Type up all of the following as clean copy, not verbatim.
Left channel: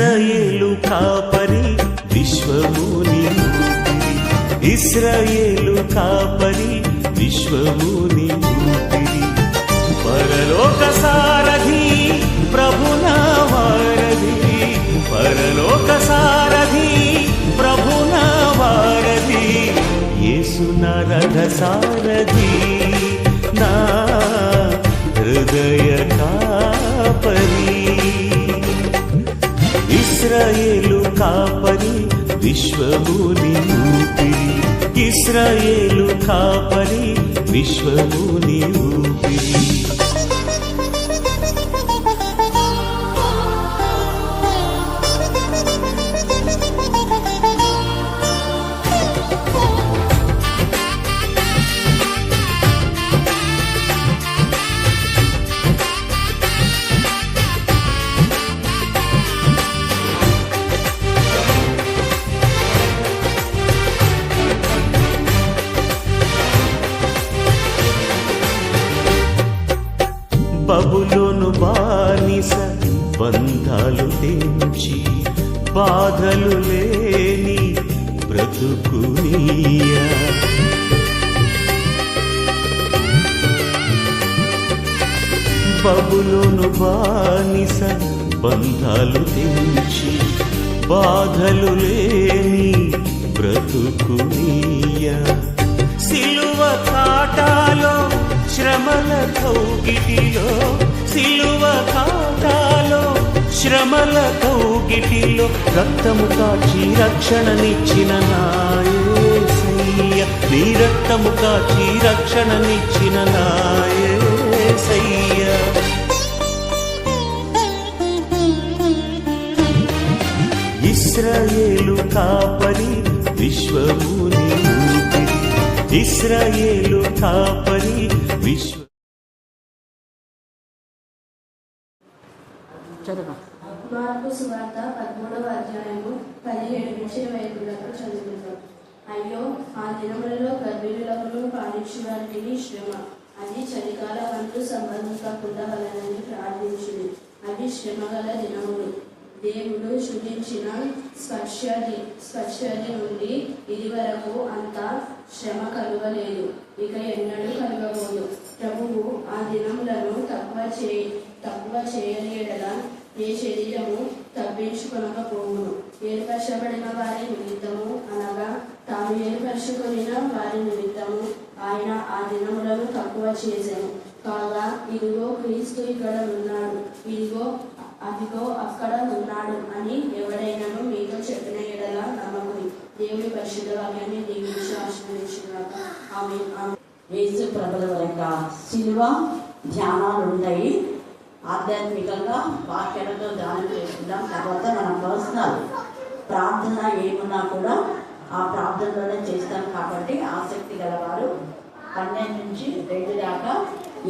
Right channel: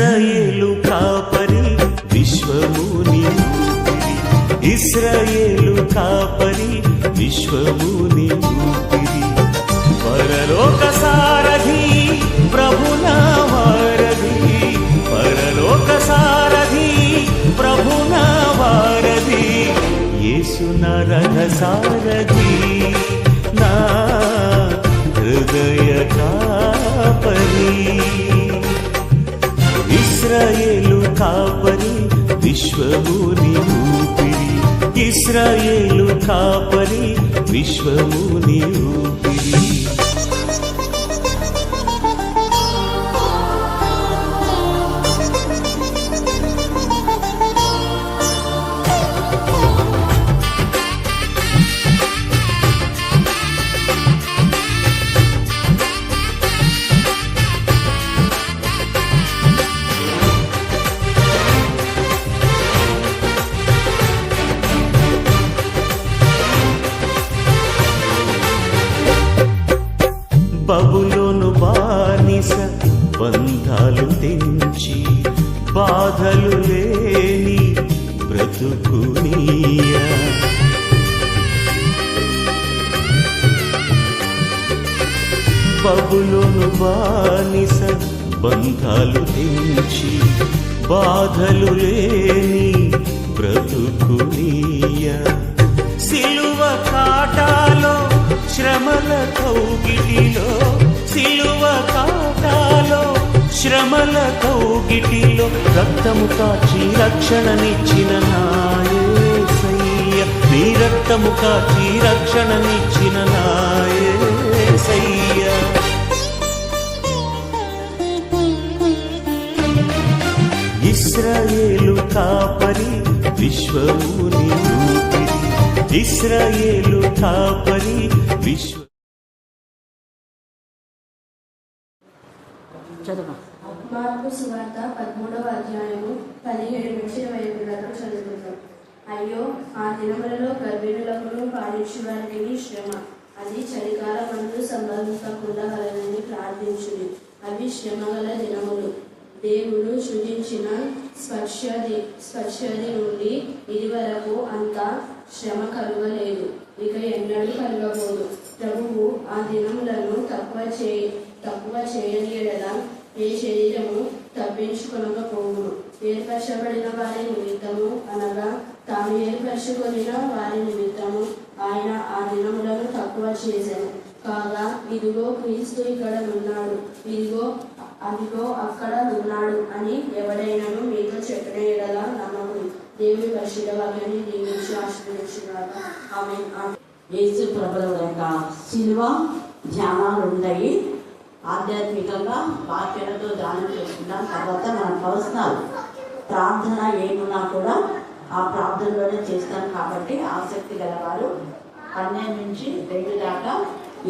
ఇశ్రాయేలు కాపరి విశ్వముని ఊపిరి, ఇశ్రాయేలు కాపరి విశ్వముని ఊపిరి, పరలోక సారథి ప్రభునా వారధి, పరలోక సారథి ప్రభునా వారధి, యేసు నా రథ సారథి నా హృదయ కాపరి. ఇశ్రాయేలు కాపరి విశ్వముని ఊపిరి, ఇశ్రాయేలు కాపరి విశ్వముని ఊపిరి. బబులోను బానిస బంధాలు తెంచి బాధలు లేని బ్రతుకునియా, బబులోను బానిస బంధాలు తెంచి బాధలు లేని బ్రతుకునియా, సిలువ కాటాలో శ్రమల కౌగిటిలో, సిలువ కాటాలో శ్రమల కౌగిటిలో రక్తము కాచి రక్షణనిచ్చిన నా యేసయ్య, నీ రక్తము కాచి రక్షణనిచ్చిన నా యేసయ్య. ఇశ్రాయేలు కాపరి విశ్వముని ఊపిరి, ఇశ్రాయేలు కాపరి విశ్వ. మార్కు సువార్త 13వ అధ్యాయము 17 నుంచి 25 చదువుకుందాం. అయ్యో, ఆ దినములలో గర్భిణులకును పాలించువారికి శ్రమ, అది చలికాలమందు సంభవించకుండా వలనని ప్రార్థించుడి. అవి శ్రమగల దినములు. దేవుడు సృజించిన స్పర్శది నుండి ఇది వరకు అంత శ్రమ కలుగలేదు, ఇక ఎన్నడూ కలగబోదు. ప్రభువు ఆ దినములను తక్కువ చేయలేడలా ఏ శరీరము తప్పించుకొనకపోవును. ఏర్పరచబడిన వారి నిమిత్తము, అనగా తాము ఏర్పరచుకొనిన వారి నిమిత్తము ఆయన ఆ దినములను తక్కువ చేశాను. కాగా ఇదిగో క్రీస్తు ఇక్కడ ఉన్నాడు, ఇదిగో అదిగో అక్కడ ఉన్నాడు అని ఎవడైనాను మీతో చెప్పిన ఎడల నమ్మకుడి. దేవుని పరిశుద్ధ వాక్యాన్ని దీవించి ఆశీర్వదించుగాక. ఆమేన్. యేసు ప్రభుల యొక్క శిలువ ధ్యానాలు ఉంటాయి. ఆధ్యాత్మికంగా వాక్యాలతో ధ్యానం చేసుకుంటాం. తర్వాత మన పర్సనల్ ప్రార్థన ఏమున్నా కూడా ఆ ప్రార్థనలోనే చేస్తాం. కాబట్టి ఆసక్తి గలవారు 12 నుంచి 2 దాకా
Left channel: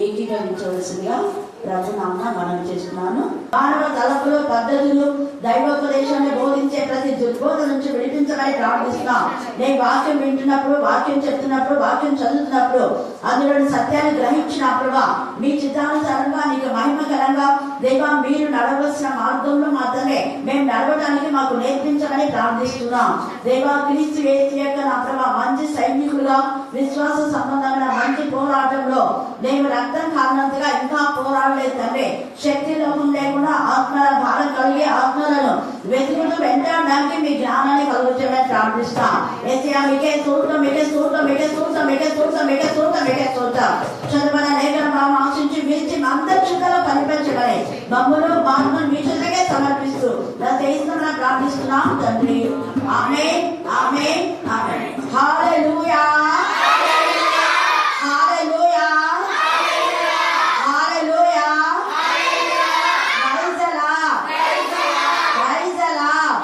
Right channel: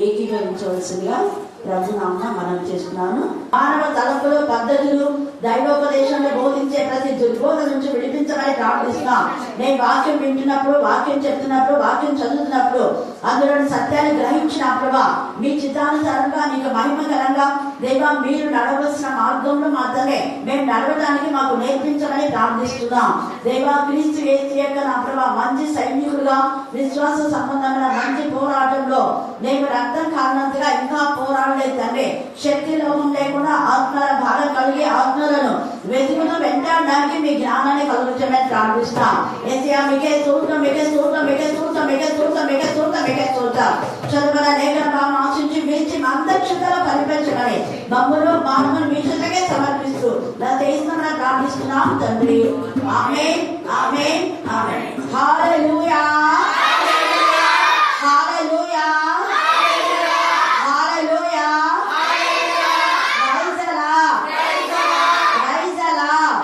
ఏకీభవించవలసిందిగా ప్రభునామమున మనం చేస్తున్నాను. మానవ తలపులు, పద్ధతులు, దైవోపదేశాన్ని బోధించే ప్రతి దుర్బోధ నుంచి విడిపించడానికి ప్రార్థిస్తున్నాం. నేను వాక్యం వింటున్నప్పుడు, వాక్యం చెప్తున్నప్పుడు, వాక్యం చదువుతున్నప్పుడు అందులోని సత్యాన్ని గ్రహించినప్పుడు మీ చిత్తానుసారంగా నీకు మహిమకరంగా దేవా మీరు నడవలసిన మార్గంలో మాత్రమే మేము నడవడానికి మాకు నేర్పించమని ప్రార్థిస్తున్నాం. దేవా క్రీస్తు యేసు యొక్క నా ప్రభా మంచి సైనికులుగా విశ్వాస సంబంధమైన మంచి పోరాటంలో నేను రక్తం కారణంగా ఇంకా పోరాడలేదు తండ్రి. శక్తి లోపం లేకుండా ఆత్మల భారం కలిగి ఆత్మలను వెతుకుతూ వెంటాడడానికి మీ జ్ఞానాన్ని కలుగుతామని ప్రార్థిస్తాం. ఏసయ్యా మీకే స్తోత్రం, మీకే స్తోత్రం, మీకే స్తోత్రం, మీకే స్తోత్రం, మీకే స్తోత్రం, మీకే స్తోత్రం. చదువుల లేఖనాలను ఆశించి మించి అందక్షతలో కనిపించగలే మమ్మల్ని మానవులు మీ చేతకే సమర్పిస్తూ నా దేశంలో ప్రార్థిస్తున్నాం తండ్రి. ఆమేన్, ఆమేన్, ఆమేన్. హల్లెలూయా, హల్లెలూయా, హల్లెలూయా. Praise the Lord, praise the Lord,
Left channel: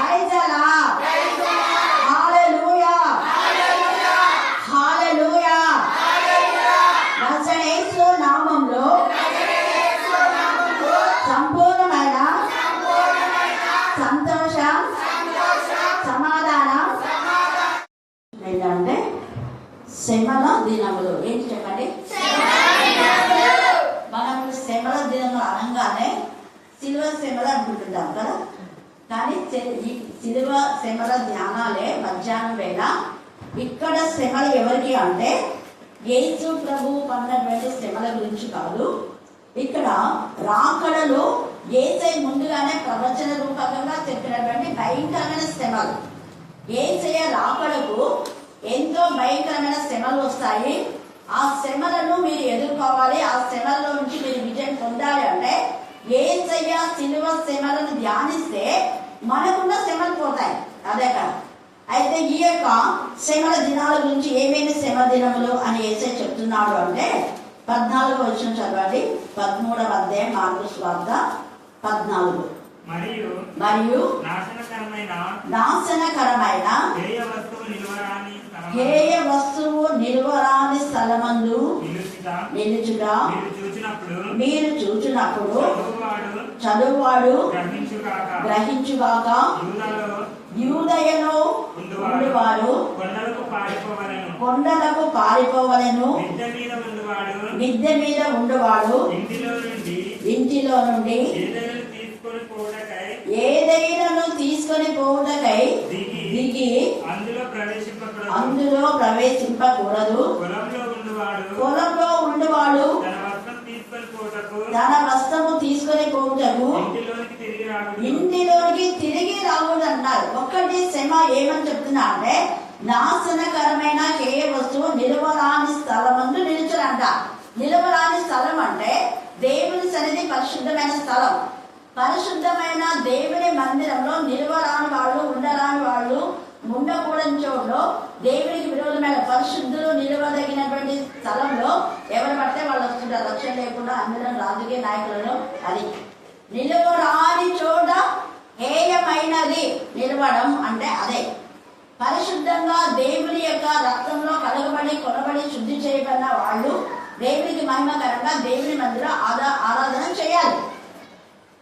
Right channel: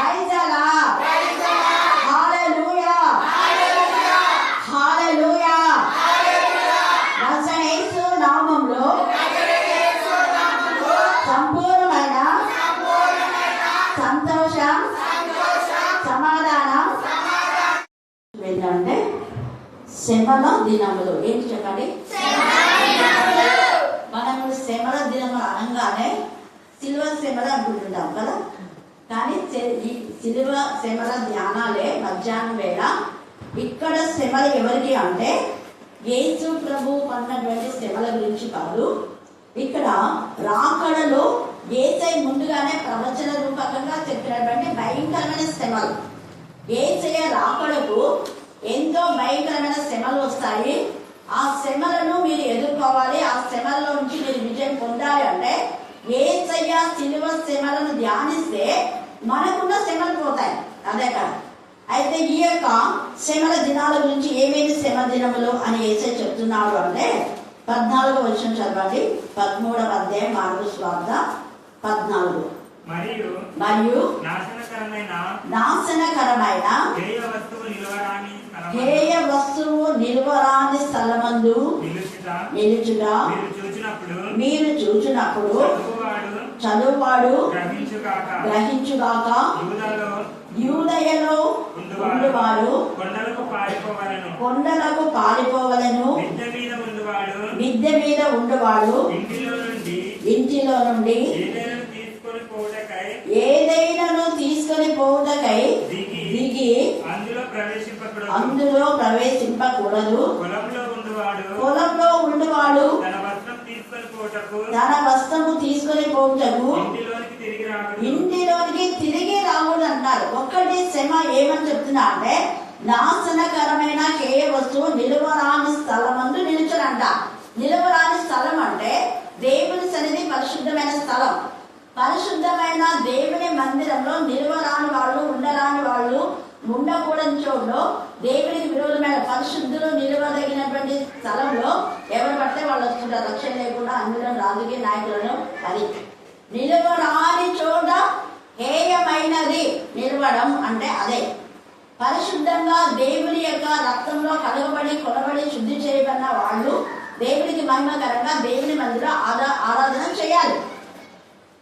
praise the Lord. హల్లెలూయా, హల్లెలూయా. యేసు నామములో సంపూర్ణమైన సంతోషం, సమాధానం ఏంటంటే శ్రమల దినములు. ఏంటి చెప్పండి? మనకు శ్రమల దినములు అనగానే సిలువ శ్రమలు అనుకుంటున్నాం కదా. కానీ ఈ సిలువ శ్రమల ధ్యానాలే మధ్యాహ్నం వేళ. ఇక్కడ శ్రమలు ఎవరికి అంటే యేసు ప్రభువు పడినటువంటి శ్రమల గురించి కాదు. ఇక్కడ రాకడలో యేసై ముందుగానే ప్రవచన రూపకంగా చెప్పినటువంటి భయంకరమైన శ్రమలు. యేసయ్య రాకడకు ఎంతో భయంకరమైన శ్రమలు వస్తాయి. ఆ శ్రమలను మీరు ఎదుర్కోవాలి. ఆ శ్రమల్లో నుంచి మీరు విజయం పొందాలి అంటే యేసయ్య సిలువ శ్రమలను ధ్యానిస్తే మనకున్న శ్రమలు పోతాయి. అదే కాదు. అయితే ఈ యొక్క శ్రమల దినాల గురించి ఏమేమి శ్రమ దినములు అని యేసయ్య చెప్తున్నాడు అంటే 14వ వచనం చదవండి. 13వ అధ్యాయం మార్కు సువార్త 14. మరియు నాశనకరమైన హేయ వస్తువు నిలువరాని స్థలమందు నిలుచుట మీరు చూచినప్పుడు చదువువాడు గ్రహించుగాక. యూదయలో ఉండువారు కొండలకు పారిపోవలెను. మిద్దె మీద ఉండువాడు ఇంటిలో నుండి ఏదైనా తీసుకొని పోవుటకై దిగి అందులో ప్రవేశింపకూడదు. పొలంలో ఉండువాడు తన వస్త్రము తీసుకొని పోవుటకు ఇంటిలోనికి తిరిగి రాకూడదు అంటారు. ఒక్కటి శ్రమ ఏమని చెప్తున్నా అంటే నాశనకరమైన హేయ వస్తువు నిలువరాని స్థలమందు నిలుచునంట. నిలువరాని స్థలం అంటే దేవుని సన్నిధి పరిశుద్ధమైన స్థలం. పరిశుద్ధమైన దేవుని మందిరంలో నిలువరాని వాళ్ళు, ఉండరాని వాళ్ళు, ఉండకూడని చోట్లో దేవునికి విరోధమైన పరిశుద్ధులు నిలవదగినటువంటి స్థలంలో ఎవరు పడితే వాళ్ళు వస్తుంటారు. రక్షణ లేకుండా అందులో రాజకీయ నాయకులను. అది నిలువరాని చోట హేయమైనది. నిలవడం అంటే అదే పరిశుద్ధంగా దేవుని యొక్క రక్తంలో కలగబడి కొనబడి శుద్ధి చేయబడిన వాళ్ళు దేవునికి మహిమకరంగా దేవుని మందిరం ఆరాధన చేయాలి.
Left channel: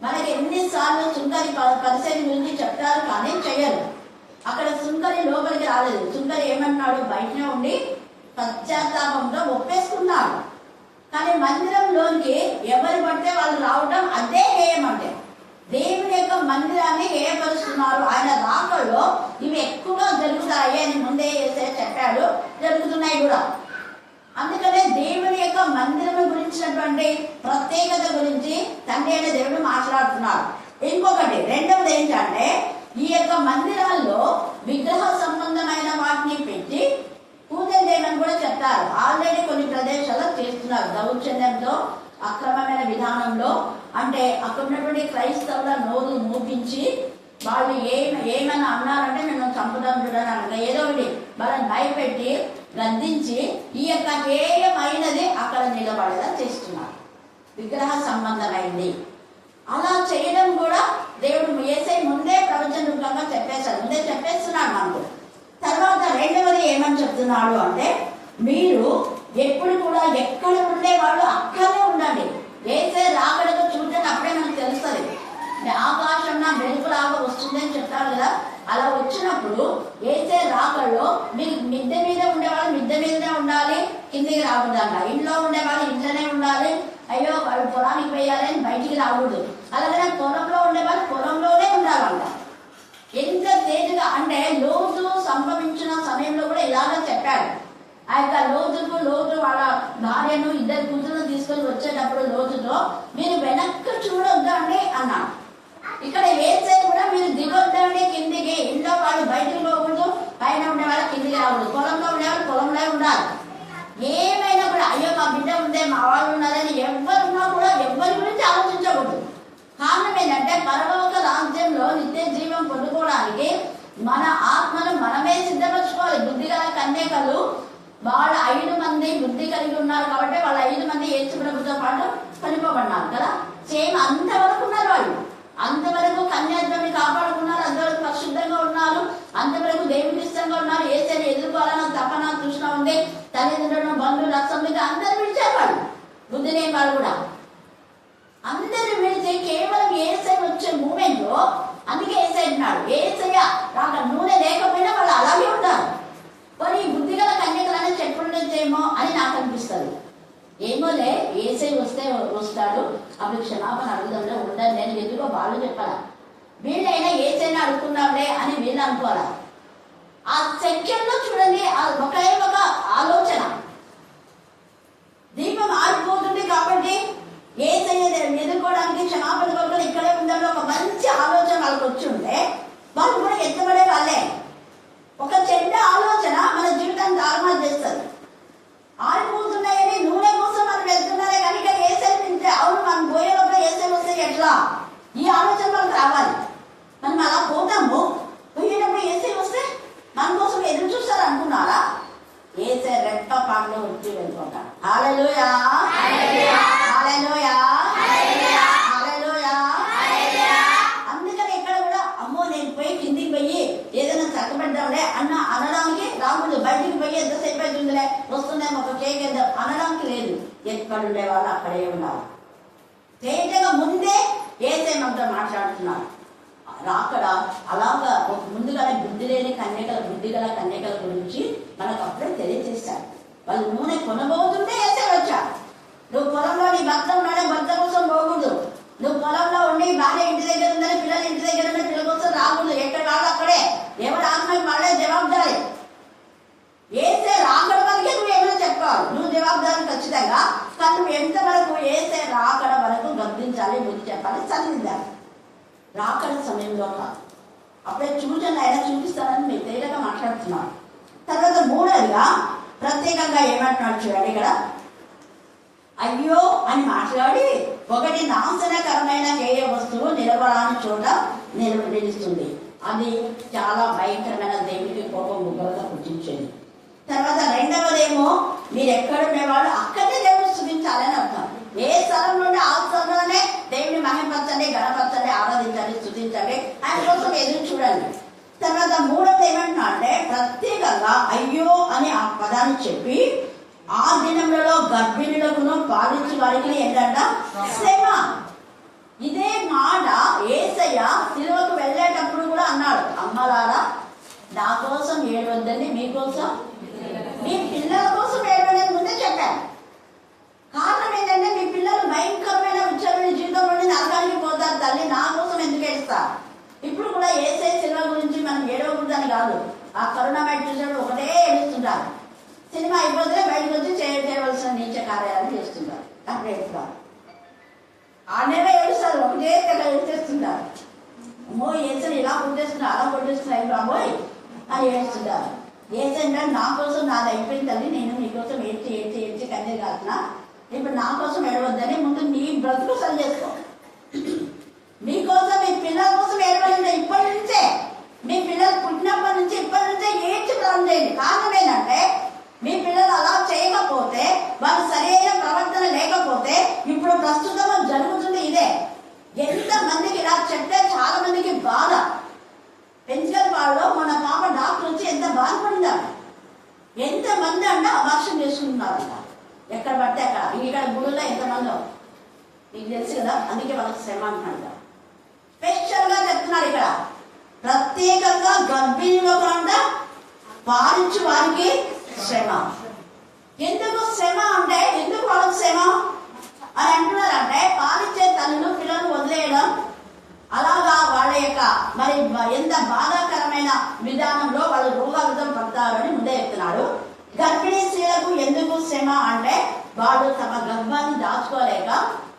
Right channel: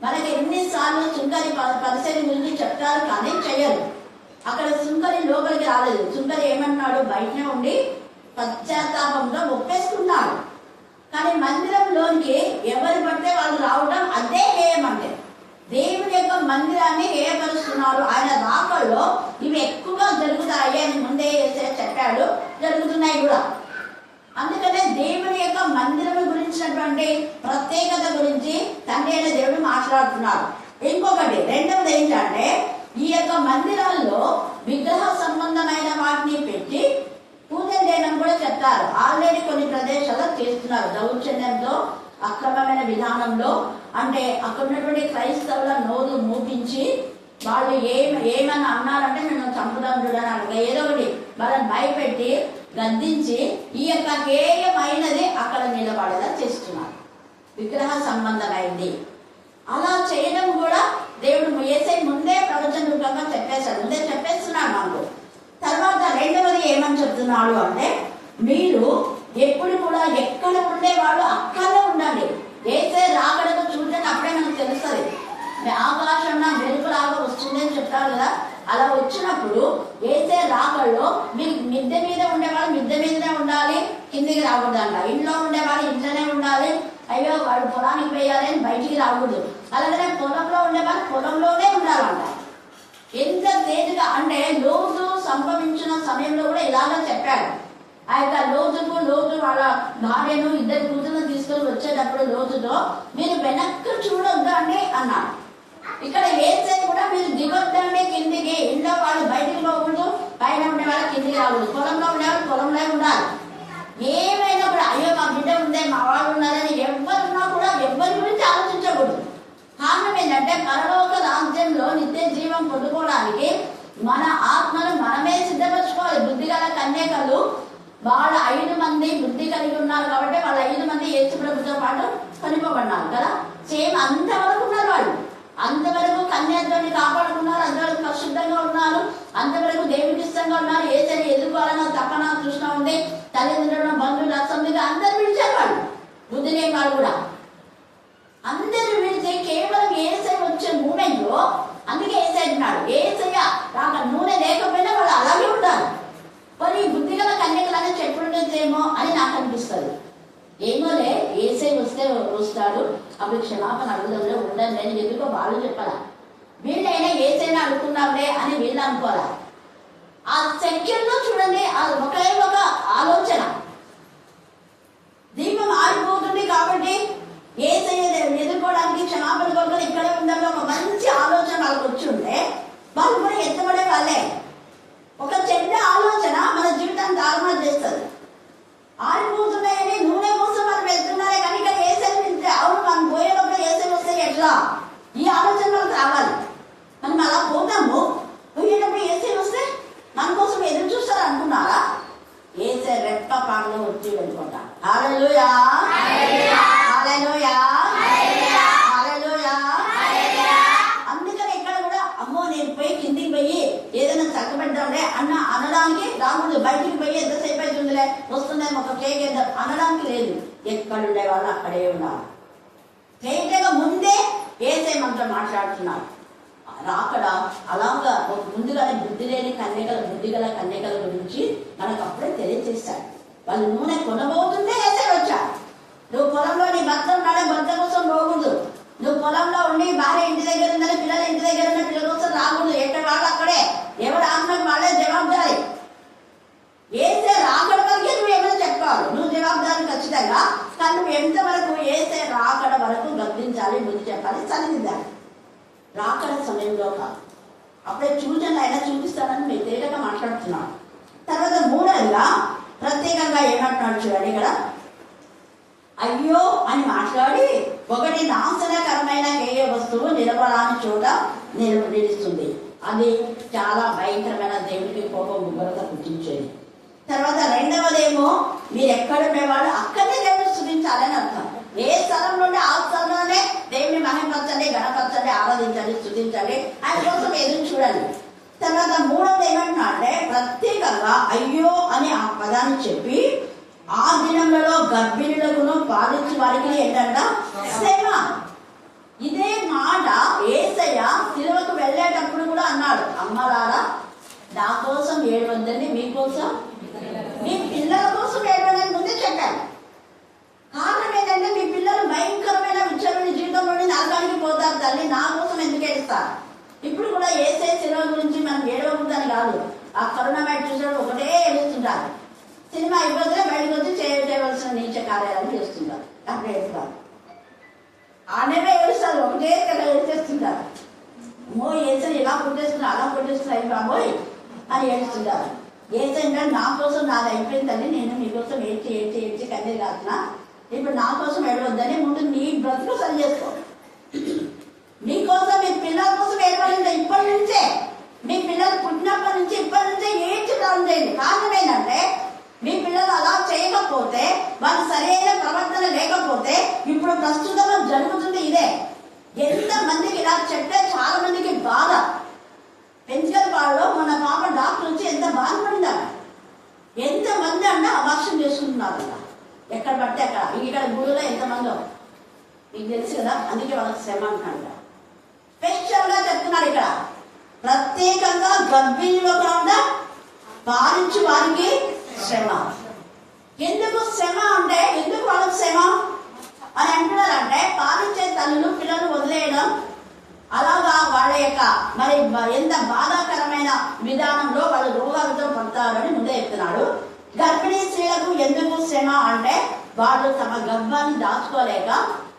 మనకి ఎన్నిసార్లు సుంకరి పరిసరి గురించి చెప్తారు కానీ చెయ్యరు. అక్కడ సుంకరి లోపలికి రాలేదు. సుంకరి ఏమన్నాడు? బయటనే ఉండి పశ్చాత్తాపంతో ఒప్పేసుకున్నాడు. కానీ మందిరంలోనికి ఎవరు పడితే వాళ్ళు రావడం అదే హేయం. అంటే దేవుని యొక్క మందిరాన్ని హేయపరుస్తున్నారు. ఆయన రాకల్లో ఇవి ఎక్కువగా జరుగుతాయి అని ముందే చెప్పాడు. జరుగుతున్నాయి కూడా. అందుకనే దేవుని యొక్క మందిరం గురించినటువంటి ప్రత్యేకత గురించి తండ్రి అయిన దేవుడు మాట్లాడుతున్నాడు. ఇంకొకటి రెండవది ఏంటంటే ఈ యొక్క మందిరాల్లో విగ్రహ సంబంధమైన వాటిని పెట్టి పూజ చేయడం కూడా చెప్తారు. ఆల్రెడీ కొన్ని ప్రదేశాల్లో చేస్తున్నారు దౌర్జన్యంతో, అక్రమమైన విధానంలో. అంటే అక్కడ ఉన్నటువంటి క్రైస్తవుల నోరు మూపించి వాళ్ళు ఏమైనా అన్నారంటే మేము చంపుదాం చూడడానికి ఏదో ఒకటి వాళ్ళని భయపెట్టి గద్దించి ఈ యొక్క హేయమైనది అక్కడ నిలబడేలా చేస్తున్నారు. విగ్రహ సంబంధమైంది. అలా చేయడం కూడా దేవుడు యేసయ్య ముందే ప్రవచన రూపంగా చెప్పేశాడు. ముందే చెప్పేస్తున్నాడు మనకు. తర్వాత రెండవది ఏమని చెప్తున్నాడు అంటే మీరు ఎప్పుడు కూడా ఎక్కడ ఉండేవాళ్ళు అక్కడే ఉండండి. యేసయ్య రాకడకు చూడడానికి అప్పుడే మనకు తెలుస్తుంది. ఆకాశం నా వెలుపులాగా వస్తుందని చెప్తారు కదా. అలా వచ్చినప్పుడు యేసయ్య రాకడలో మీరు మిద్దె మీద ఉండేవాళ్ళు మిద్దె మీదనే ఉండాలి, కిందికి రాకూడదంట. ఇంట్లో ఉండేవాళ్ళు ఇంట్లోనే ఉండాలి. అయ్యో వాడు పొలానికి పోయాలి అని బయటికి రాకూడదు. అలాగే పొలంలో ఉండేవాళ్ళు పొలంలోనే ఉండాలంట. ఎంత తేలిగా అంటే లోతు సంభవించిన సమయంలో కూడా ఇలాగా చెప్పాడు. ఆ యొక్క లోతు వాళ్ళ భార్యను 2 కూతురును తీసుకొని వచ్చేటప్పుడు లోతుతో మీరు వెనక్కి చూడొద్దండి అన్నాడు. ఇక్కడ యేసయ్య కూడా మీరు దిగొద్దండి కిందికి. ఇంట్లో వాళ్ళు బయటికి పోకూడదు, పైన ఉండేవాళ్ళు కిందికి రాకూడదు, పొలంలో ఉండేవాళ్ళు పొలంలో ఉండాలి. ఏమైనా కూడా అయ్యో మా బిడ్డ ఉందే మా వాళ్ళు ఉన్నారని ఎవరున్నా కూడా ఎవరి గురించి ఆలోచించకూడదు. కారణం ఏంటంటే పరలోక రాజ్యంలో నిత్య జీవం పొందుకోవడానికి మన ఆత్మను మనమే సిద్ధపరచుకోవాలి. బుద్ధిగల కన్యకలు వాళ్ళ 5 మంది బుద్ధి కలిగి ఉన్నారు కాబట్టి వాళ్ళ 5 మంది యేసు ప్రభుతో పాటు కొనిపోబడినారు కదా. సేమ్ అంతవరకు ఉన్నారు వాళ్ళు. అంతవరకు కన్యాత్వాన్ని కాపాడుకున్నారు, అంతవరకు పరిశుద్ధంగా ఉన్నారు, అంతవరకు దేవునికి ఇష్టంగా ఉన్నారు. యేసయ్యని ఎదుర్కోవాలన్న తపన తృష్ణ ఉంది. తల్లిదండ్రులను బంధువులు అసలు అందరు విడిచేవాడు. బుద్ధి లేని వాళ్ళు కూడా అందరు విడిచి కేవలం యేసయ్య వచ్చే మూమెంట్ లో అందుకే యేసయ్య అంటున్నాడు యేసయ్య రాక నూనె లేకపోయినా వాళ్ళు అలాగే ఉంటారు. మరి బుద్ధిగల కన్యకలనే చెప్పుండేదేమో అని నాకు అనిపిస్తుంది. ఏమోలే యేసయ్య వస్తాడు అవి క్షమాపణ అడుగుదాంలే ఉండదు నేను ఎందుకో వాళ్ళు చెప్పాలా, వీళ్ళైనా ఏదైనా అడుగుకుందాంలే అని వీళ్ళు అనుకోవాలా. ఆ సెక్యూర్లో చూడండి ఒకే ఒక ఆలోచన, దీపం ఆరిపోతుంది కాబట్టి ఏసయ్య ఎదుర్కోవడానికి క్షమాపణ కొరకు ఇక్కడే ఉండాలి ఒక మంచి ఆలోచన వాళ్ళకి వచ్చి ఉంటే వాళ్ళు కూడా ఎత్తబడే వాళ్ళే. ఒక చెడ్డ ఆలోచన మన జీవితాన్ని తారుమారు చేస్తుంది. ఆరిపోతున్నాయని నూనె కోసం మనం వెళ్తున్నారే కానీ ఇక్కడ ఏసై తింటే అవును మనం పోయేటప్పుడు ఏసై వస్తే ఎట్లా, ఈ ఆలోచన మనకు రావాలి. మనం అలా పోతాము, పోయేటప్పుడు ఏసై వస్తే మన కోసం ఎదురు చూస్తారు అనుకున్నారా? ఏసై రెప్ప పాటలో వచ్చి వెళ్ళిపోతాడు. హల్లెలూయా, హల్లెలూయా, హల్లెలూయా. అందుకని ఇక్కడ కూడా అమ్మో నేను పోయి కిందికి పోయి ఏదైనా చక్కబడ్డాంలే అనడానికి రాముడు బయటికి పోయి ఎంతసేపు అవుతుందిలే వస్తుందేమో ఒక కేక్ వేద్దాం అనడానికి లేదు. ఎక్కడుండే వాళ్ళు అక్కడే ఉన్నారు. తేటగా ముందే ఏసై మనతో మాట్లాడుతున్నారు. అక్కడ అలాగా ముందుగానే బుద్ధి లేని కన్యకల బుద్ధి గల కన్యకల గురించి మనకు అప్పుడే తెలియజేశాడు. వాళ్ళు నూనె కొనబోతుంటే ఏసై వచ్చాడు. నువ్వు పొలంలో నీ భర్త ఉన్నాడే భర్త కోసం పోకూడదు, నువ్వు పొలంలో ఉండి భార్య ఇంటి దగ్గర ఉందని పిల్లలు ఇంటి దగ్గర ఉన్న పిల్లల కోసం రాకూడదు. ఎక్కడ వాళ్ళు అక్కడే, ఎవరు ఆత్మకు వాళ్ళే జవాబుదారి. ఏసే రాకడ వరకే నువ్వు ఏమైనా చెప్పుకోవాలి, నువ్వు జవాబుదారి ఖచ్చితంగా. కానీ నువ్వు ఎంతవరకు ఏసే రాకడ వరకు గర్తించాలి, బుద్ధి చెప్పాలి, చదివించాలి. రాకడ సమయంలో కాదు, అప్పుడే సూచనలు అయినా చూపిస్తానని మీరు తేలిక మాట్లాడుతున్నాడు. తర్వాత మూడోదిగా ప్రత్యేకంగా ఏమంటున్నాడు చూడండి ఇక్కడ, అయ్యో అని మాట్లాడి ఒకటి నాశనకరమైన హేయ వస్తువు నిలబడాలని చోట నిలుస్తుంది. అది చాలా భయంకరమైన దేవుడికి కోపం ఉగ్రత పుట్టించేది. తర్వాత రెండవదేమో మీరు ఎక్కడుండేవాళ్ళు అక్కడే దేవుడు స్తుతించాలని అర్థం. ఏ స్థలం నుండి ఆ స్థలంలోనే దేవుని మహిమపరచండి, గణపరచండి, ఆరాధించండి, స్తుతించండి, ఆయన కోసం ఎదురు చూడండి. తర్వాత మూడవది ఏమంటున్నా అంటే ప్రత్యేకంగా అయ్యో అని ఆ పదాన్ని చెప్పి ఆ దినములలో గర్భిణులకును పాలించి వారికి ఏంటంట శ్రమ. ఇదే మాట యేసయ్య సిలువకు వెళ్ళేటప్పుడు కూడా అన్నాడు, అమ్మలారా నా కోసం ఏడవద్దండి, మీకోసం మీ పిల్లల కోసం ఏడవదని ముందే చెప్పాను. కారణం ఏంటంటే మీ పిల్లలు భయంకరమైన విచ్చలమైన జీవితం నుండి నరకానికి పోతారు, తల్లి నా కోసం ఎందుకు ఏడుస్తారు. ఇప్పుడు కూడా యేసయ్య సిలువ గురించి మనం ఏడవకూడదని కాదు, ఆ కరోనా బయట చూసినప్పుడు ఒకటే ఏడుస్తుంటారు. సినిమా అయిపోతే బయటకు వచ్చి చేయవలసిన నీచ కార్యాలు చేస్తుంటారు. అప్పుడు ఏడుస్తారు, ఆడనే ఏడుస్తారు, ఒకటే ఏడుస్తుంటారు. అమ్మో ఏసై ఇలా కొట్టేస్తున్నారు, అలా కొట్టేస్తున్నారు బాబోయ్ అని ఏడుస్తుంటారు. ఏసంటే నా కోసం నాది అయిపోయింది తల్లి, నేను మీకోసం ఏడ్చి ఏడ్చి ఏడ్చి కన్నే కాస్తున్నా, ఇప్పుడు నా కోసం ఏడవద్దని ముందు నీ బ్రతుకు సరి చేసుకో. మీకోసం మీ పిల్లల కోసం ఏడవలేదు ఇప్పటి నుంచే, మీ పిల్లలు పుట్టినప్పటి నుంచి ఇప్పటి నుంచే ఏడ్చి ప్రారంభం చేయండి. కారణం ఏంటంటే మీ పిల్లలు అలా చేయకపోతే, వాళ్ళు సరైన ప్రవర్తన లేకపోతే ఇప్పుడు ప్రస్తుతం జరుగుతుంది ఇదే. ఎంత మందికి ఇలా చెప్తే చాలా మందికి బాధ. పెంచల్ వాళ్ళు మన పాప డాక్టర్ వచ్చి ఎంత బాధపడినారు, ఎంత మంది అంటే అబార్షన్ చేసుకుంటున్నారు ఎక్కడ పడితే అక్కడ. ఇక్కడ గుడిలో ఎంతమందో మీకు తెలుసు కదా, అందుకే వాళ్ళకి శ్రమ అంటున్నాడు. స్పెషల్ గా చెప్తున్నారు ఇక్కడ, ప్రత్యేకంగా గర్భిణిలో కూడా పాలించి వారికి శ్రమ. ఎందుకు శ్రమ అంటే, ఎందుకు వాళ్ళకి శ్రమ అని అంటున్నారంటే, పాలించే తల్లులు పిల్లలు వదిలేయడం, అలాగా వాళ్ళ యొక్క మరి ఎంత బాధాకరమైన విధానంలో వాళ్ళు రోగాలతో పడతారని ముందే చెప్తున్నాడు. గర్భిణీ స్త్రీలకు ఎందుకు శ్రమ అంటే, వాళ్ళు తమ గర్భాన్ని దాచుకోలేక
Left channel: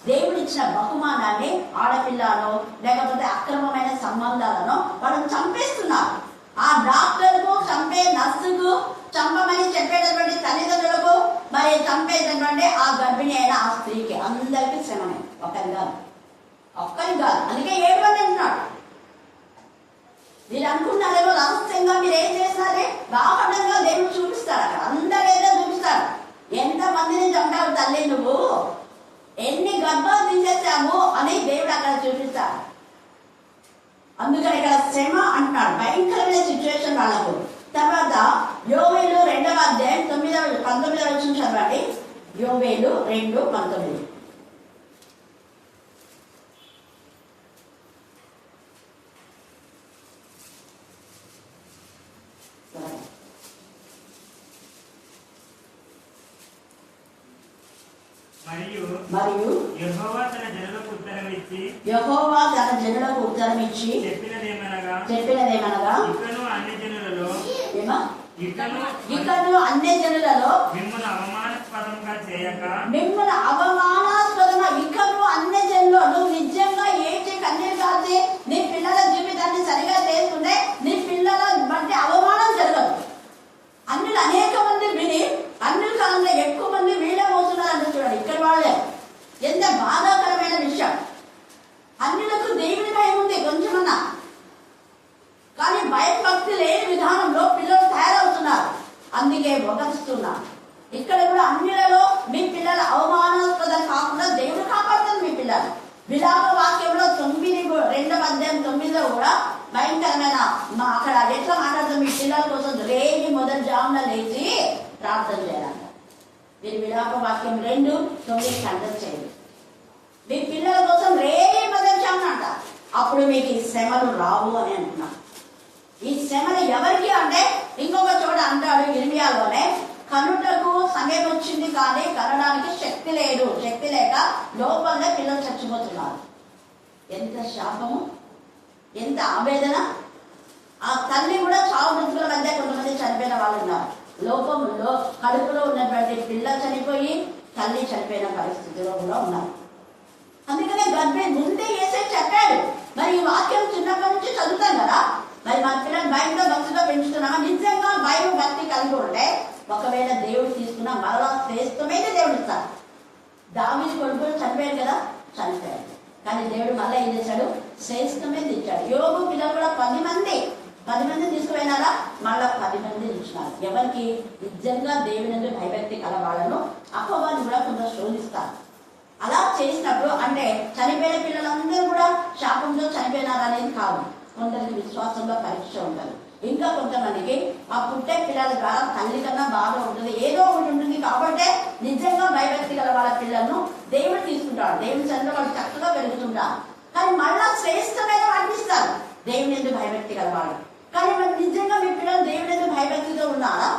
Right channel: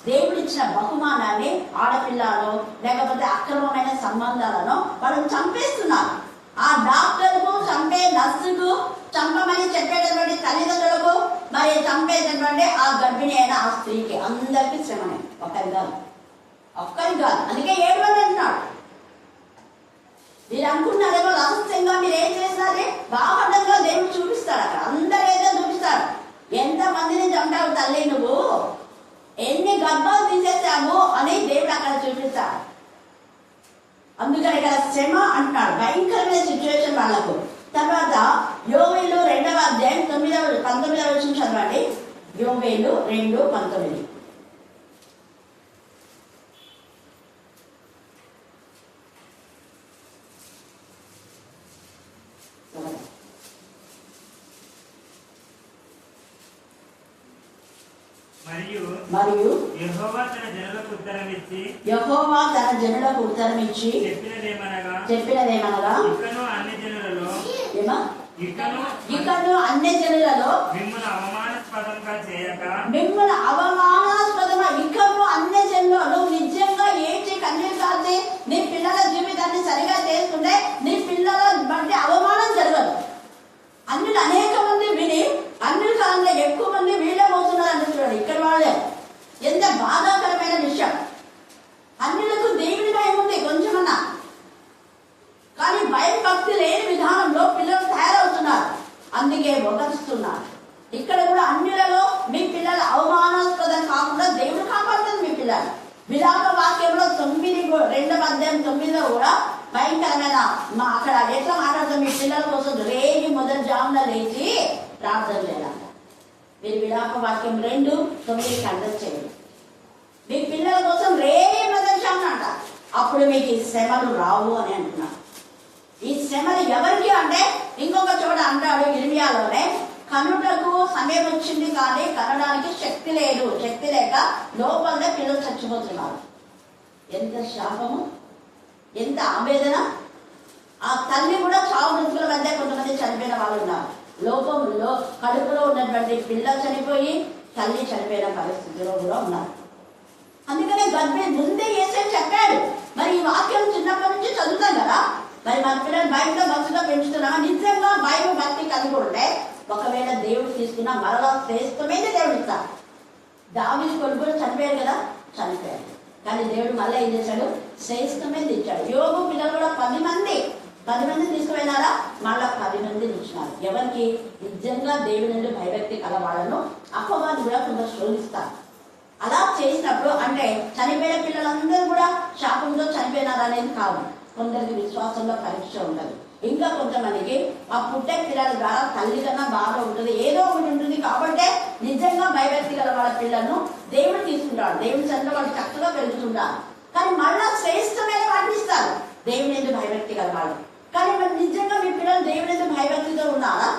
దేవుడిచ్చిన బహుమానాన్ని ఆడపిల్లలో లేకపోతే అక్రమమైన సంబంధాలను వాళ్ళని చంపేస్తున్నారు. ఆ డాక్టర్కు, చంపే నర్సుకు, చంపమని చెప్పేటటువంటి తల్లిదండ్రులకు, మరి చంపేటటువంటి ఆ గర్భిణి అయిన ఆ స్త్రీకి, అందరికీ శ్రమనే, ఒక్కరి కాదు. అందుకే ఏడవని అంటున్నాడు. మీరు అనుకున్నారేమో రహస్యంగా మీరు ఏం చేస్తారే, బాపడంగా దేవుడు చూపిస్తాడు. అక్కడ అందరూ ఏదో చూపిస్తాడు. ఎంత మందిని చంపావు తల్లి నువ్వు, ఎన్ని గర్భాలు తీసేసాము అని దేవుడు అక్కడ చూపిస్తాడు. అందుకని ఇక్కడ శ్రమ అంటున్నాడు, భయంకరమైన సిచ్యువేషన్ వాళ్ళకు. తర్వాత యోవేలు 2వ అధ్యాయం 19వ వచనం చదవండి. యోవేలు 2:19. మరియు యెహోవా తన జనులకు ఉత్తరం ఇచ్చి చెప్పినదేమనగా ఇకను అన్ని జనులలో మిమ్మల్ని అవమానాస్పదంగా ఇకను అన్ని జనులలో నిజంగా ఏడ్చి కన్నీరు కాల్చి నీ పిల్లల జీవితాన్ని సరిగా చేసుకుంటే నీ పిల్లల బట్టి అవమానం జరగదు. అన్నిలు అనేక మంది విని అన్నిల కాలంలో ఎక్కువ మంది వీళ్ళే మోస్తున్నారు అంటే చూడండి ఇక్కడ వాళ్ళే. ఎంత బాధాకరమైన విషయం. అన్నిలకు దేవుని భయం ఉంది కొంచెమన్నా, కానీ భయం భక్తి లేని విధానంలో పిల్లలు తయారవుతున్నారు. అందుకే మొదలుస్తున్నారు. ఇక్కడ కూడా అన్నిలలో మీ పిల్లలు అవమానాస్పదం కాకుండా దేవుడు కాపాడుతుంది మీ పిల్లలు. విలాప వాక్యంలో 2వ అధ్యాయం 9లో కూడా భయంకరమైన అక్కడ ఎట్లా మాట్లాడుతుంది, మీ పిల్లల కోసం రేగి మొదటి జామున లేచి ప్రార్థన చేయాలంట. మీరు విలాప వాక్యం 2:9 కండక్ట్ చేయండి. మీ పిల్లల కోసం రేగి మొదటి జామున అంట. అప్పుడు మీకు ఈ శ్రమలు రావు అని అంటున్నాను. ఈ శ్రమలు ఎవరికి అంటే ఇంకొక చోట అంటాడు ఇర్మియాలోనే, కనుటకు సమయం వచ్చింది కానీ కనడానికి శక్తి లేదు, శక్తి లేక లోపలనే పిల్లలు చచ్చిపోతున్నారు. ఎంత శాపము, ఎంత ఆవేదన. ఆ తల్లి కూడా చావు బ్రతుకుల మధ్య కొంతమంది చనిపోయిన వాళ్ళు ఉన్నారు. లోపంలో కడుపులో ఉన్నటువంటి పిల్ల చనిపోయి తల్లి చనిపోయిన పరిస్థితిలో కూడా ఉన్నారు. అందుకనే గర్భిణి ముందే ఏసై చెప్పాడు. మరి ఈ వాక్యం చిన్నప్పటి నుంచి చదువుతాం కదా, మరి మన పిల్లలు భయంతో భక్తిగా పెంచుతున్నామా? నిజంగా భయం భక్తి కలిగి ఉంటే ఒకవేళ దేవుడు తీసుకున్న మరలా శ్రేష్టమైన దేవుడు ఇస్తాడు. దావీదు కొడుకులు చనిపోయాడు కదా, చనిపోయాడు. కానీ దేవుడు మళ్ళీ ఏం చేశాడు? శ్రేష్టమైన ఇచ్చాడు. యోగు పిల్లలు కూడా 10 మంది తీసుకుపోయినారా, మళ్ళా 10 మంది ఇచ్చినారు. ఎవరికి? నిజంగా దేవుడి నుండి భయభక్తి కలవాళ్ళను అపవాది కూడా కొంత శోధిస్తారు. అలా చేసినప్పుడు అంటే చనిపోయిన పిల్లలందరూ కూడా శాపంతో చనిపోయినారా అనేది కాదు. కొందరికి విశ్వాసంలో పరీక్ష ఉండదు. ఇంకా కొంతమందికి ఆ పుట్టే పిల్లల ద్వారా తల్లి కన్నా బాగా ఉంటుంది, ఏదో ఒకటి ఉంటుంది. కాబట్టి నిజంగా భయభక్తి గల వాళ్ళ పిల్లలను దేవుడు తీసుకుంటాడు. దేవుడి సన్నిధిలో వాళ్ళు చక్కగా పెరుగుతుంటారు. కానీ మళ్ళా శ్రేష్టమైన వాటిని ఇస్తారు దేవుని ఎందుకు భయభక్తి గల వాళ్ళు. కానీ మరి నిజంగా మీ పిల్లలు దేవుని ఎందుకు భయభక్తితో ఉన్నారా,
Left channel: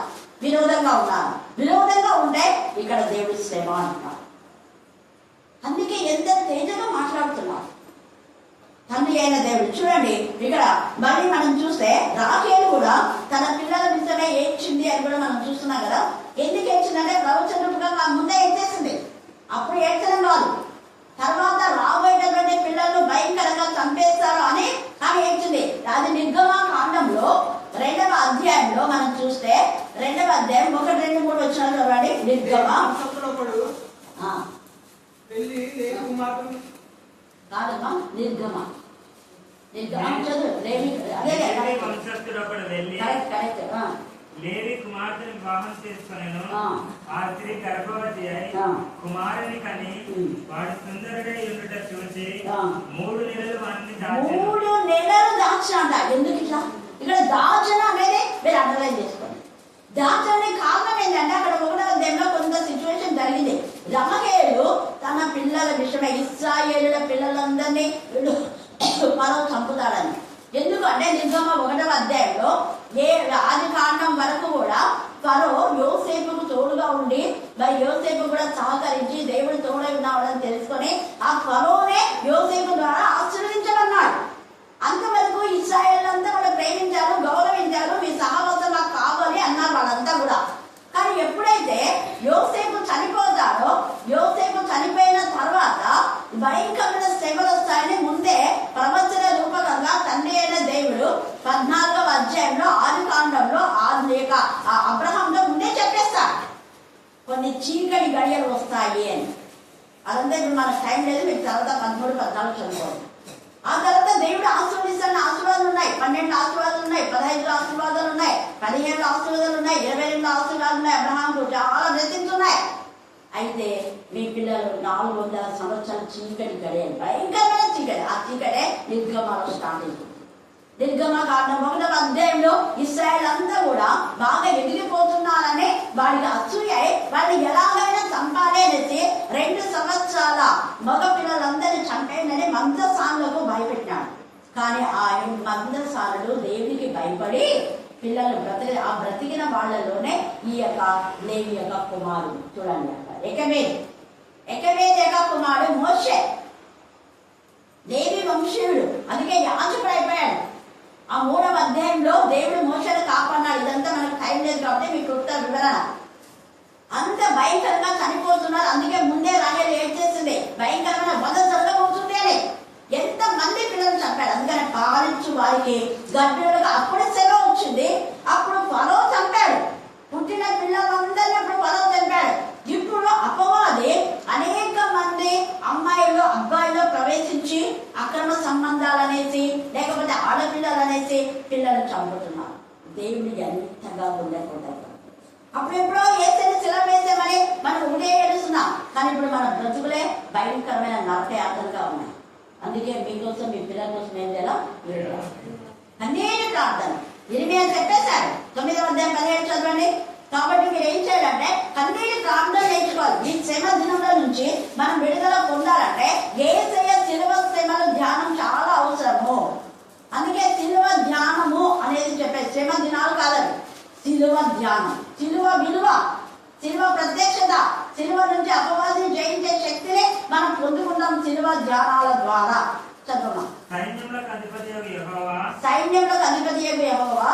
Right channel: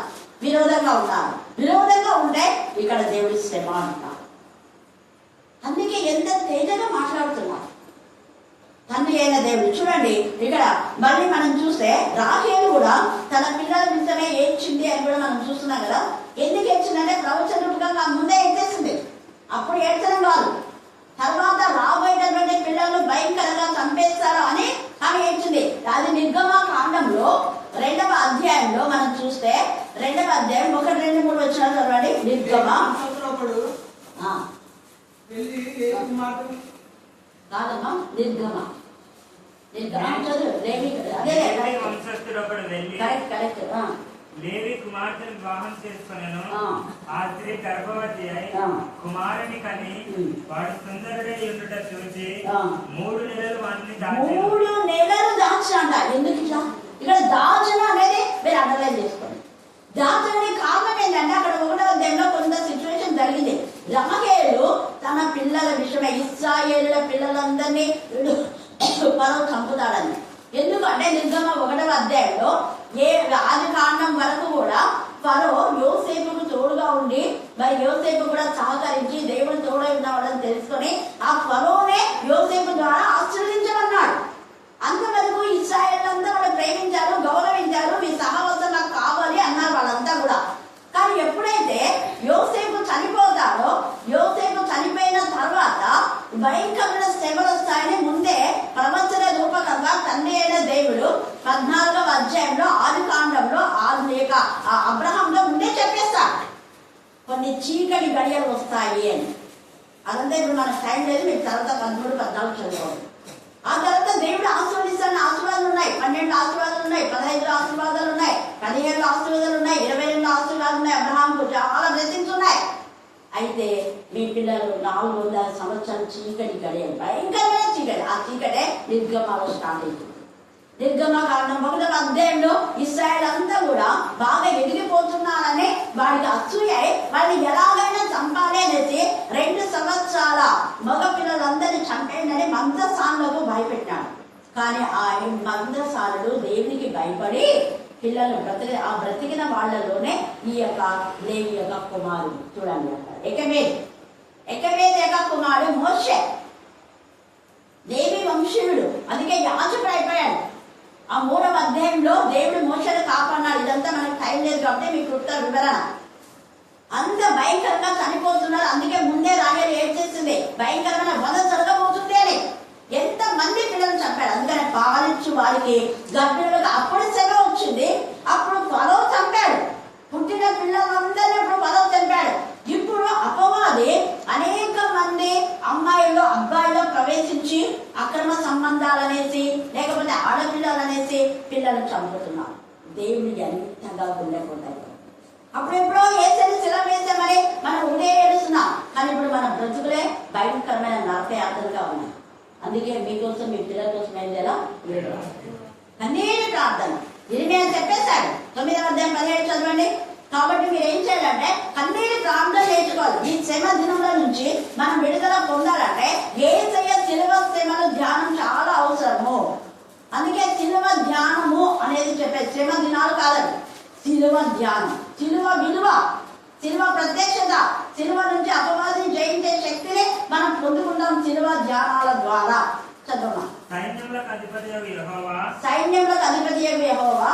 విరోధంగా ఉన్నారు? విరోధంగా ఉంటే ఇక్కడ దేవుడి శ్రమ అంటున్నారు. అందుకే ఎంత తేజగా మాట్లాడుతున్నారు తండ్రి అయిన దేవుడు. చూడండి ఇక్కడ మళ్ళీ మనం చూస్తే రాహేలు కూడా తన పిల్లల నిమిత్తమే ఏడ్చింది అని కూడా మనం చూస్తున్నాం కదా. ఎందుకు ఏడ్చిందంటే ప్రవచనగా ముందే ఏడ్చేసింది. అప్పుడు ఏడ్చడం కాదు, తర్వాత రాబోయేటటువంటి పిల్లలు భయంకరంగా చంపేస్తారు అని ఆమె ఏడ్చింది. అది నిర్గమకాండంలో 2వ అధ్యాయంలో మనం చూస్తే 2వ అధ్యాయం 1, 2, 3 వచ్చిన చూడండి. కాదమ్మా నిర్గమ లేవి కుమార్తెను వివాహం చేసుకొనెను. ఆ స్త్రీ గర్భవతి అయి కుమారుని కని వాడు సుందరుడై ఉండుట చూసి 3 నెలలు వాటిని దాచాను. 3 నెలలు దాచాంట. ఎందుకు ఇట్లా ఇక్కడ దాచన అనేది మీరు అండర్లైన్ చేసుకోండి. దాచడానికి కారణం ఏంటంటే అక్కడ 1వ అధ్యాయంలో కొంత సిచ్యువేషన్ జరిగింది. రాహేలు తన పిల్లల విషయమే ఇశ్రాయేలుల పిల్లలందరినీ ఫరో చంపుతాడని. ఎందుకంటే నిర్గమ 1వ అధ్యాయంలో ఆది కాండం వరకు కూడా ఫరో యోసేపుకు తోడుగా ఉండి మరి యోసేపు కూడా సహకరించి దేవుడు తోడై ఉన్నాడని తెలుసుకొని ఆ ఫరోనే యోసేపు ద్వారా ఆశీర్వదించమన్నాడు. అంతవరకు ఇశ్రాయేలంతా వాళ్ళు ప్రేమించారు, గౌరవించారు, మీ సహవాసం నాకు కావాలి అన్నారు వాళ్ళంతా కూడా. కానీ ఎప్పుడైతే యోసేపు చనిపోతాడో, యోసేపు చనిపోయిన తర్వాత భయంకరమైన శ్రమలు వస్తాయని ముందే ప్రవచన రూపకంగా తండ్రి అయిన దేవుడు 14వ అధ్యాయంలో ఆది కాండంలో అబ్రహాంలో ముందే చెప్పేస్తాడు కొన్ని చీకటి గడియలు వస్తాయి అని. అదంతా ఇప్పుడు మనకు టైం లేదు, మీకు తర్వాత 13, 14 చదువుకోండి. ఆ తర్వాత దేవుడు ఆశీర్వదిస్తున్న ఆశీర్వాదాలు ఉన్నాయి. 12 ఆశీర్వాదాలు ఉన్నాయి, 15 ఆశీర్వాదాలు ఉన్నాయి, 17 ఆశీర్వాదాలు ఉన్నాయి, 28 ఆశీర్వాదాలు ఉన్నాయి. అబ్రహాంకు చాలా బ్లెస్సింగ్స్ ఉన్నాయి. అయితే మీ పిల్లలు 400 సంవత్సరాలు చీకటి గడియాలి, భయంకరమైన చీకటి. ఆ చీకటే నిర్గమలో స్టార్ట్ అవుతుంది. నిర్గమకాండం 1వ అధ్యాయంలో ఇశ్రాయేల్ అంతా కూడా బాగా ఎదిగిపోతున్నారని వాడికి అసూయ వాడిని ఎలాగైనా చంపాలి అనేసి 2 సంవత్సరాల మగ పిల్లలందరినీ చంపేయండి మందసానులకు భయపెట్టినాడు. కానీ ఆ మందసానుడు దేవునికి భయపడి పిల్లలు బ్రతికిన వాళ్లలోనే ఈ యొక్క లేవి యొక్క కుమారుడు. చూడండి అక్కడ ఏకమే ఎకవేదేక కుమారుడు మోషే, లేవి వంశీయుడు, అందుకే యాజకుడు అయిపోయాడు. ఆ 3వ అధ్యాయంలో దేవుడు మోషేను కాపాడినాడు. ఇదంతా మనకు టైం లేదు కాబట్టి మీకు క్లుప్త వివరణ. అంత భయంకరంగా చనిపోతున్నారు. అందుకే ముందే రాహేలు ఏం చేసింది, భయంకరమైన వధ జరగబోతుంది అని. ఎంత మంది పిల్లలు చంపాడు. అందుకని పాలించు వారికి గర్భిణులకు అప్పుడు శ్రమ వచ్చింది. అప్పుడు ఫరో చంపాడు. పుట్టిన పిల్లలందరినీ ఇప్పుడు ఫరో చంపాడు. ఇప్పుడు అపవాది అనేక మంది అమ్మాయిలు అబ్బాయిలో ప్రవేశించి అక్రమ సంబంధాలనేసి లేకపోతే ఆడపిల్లలనేసి పిల్లలు చంపుతున్నారు. దేవుడు ఎంతగా ఉండేకుంటారు. అప్పుడు ఎప్పుడో ఏసేది శిల వేసామని మనం ఉడే ఏడుస్తున్నాం. కానీ ఇప్పుడు మన బ్రతుకులే భయంకరమైన నరకయాత్రలుగా ఉన్నాయి. అందుకే మీకోసం మీ పిల్లల కోసం ఏం చేయాలా, అన్నీ ప్రార్థన. ఇరిమియా చెప్పేశాడు 9వ అధ్యాయం 17 చదవండి. కాబట్టి మీరు ఏం చేయాలంటే కన్నీటి ప్రార్థన నేర్చుకోవాలి. ఈ శ్రమ దినముల నుంచి మనం విడుదల పొందాలంటే యేసయ్య శిలువ శ్రమల ధ్యానం చాలా అవసరము. అందుకే శిలువ ధ్యానము అనేది చెప్పే శ్రమ దినాలు కాదండి, శిలువ ధ్యానం. శిలువ విలువ, శిలువ ప్రత్యక్షత, శిలువ నుంచి అపవాదిని జయించే శక్తిని మనం పొందుకుంటాం శిలువ ధ్యానాల ద్వారా. చదవమా. సైన్యములకు అధిపతియగు యెహోవా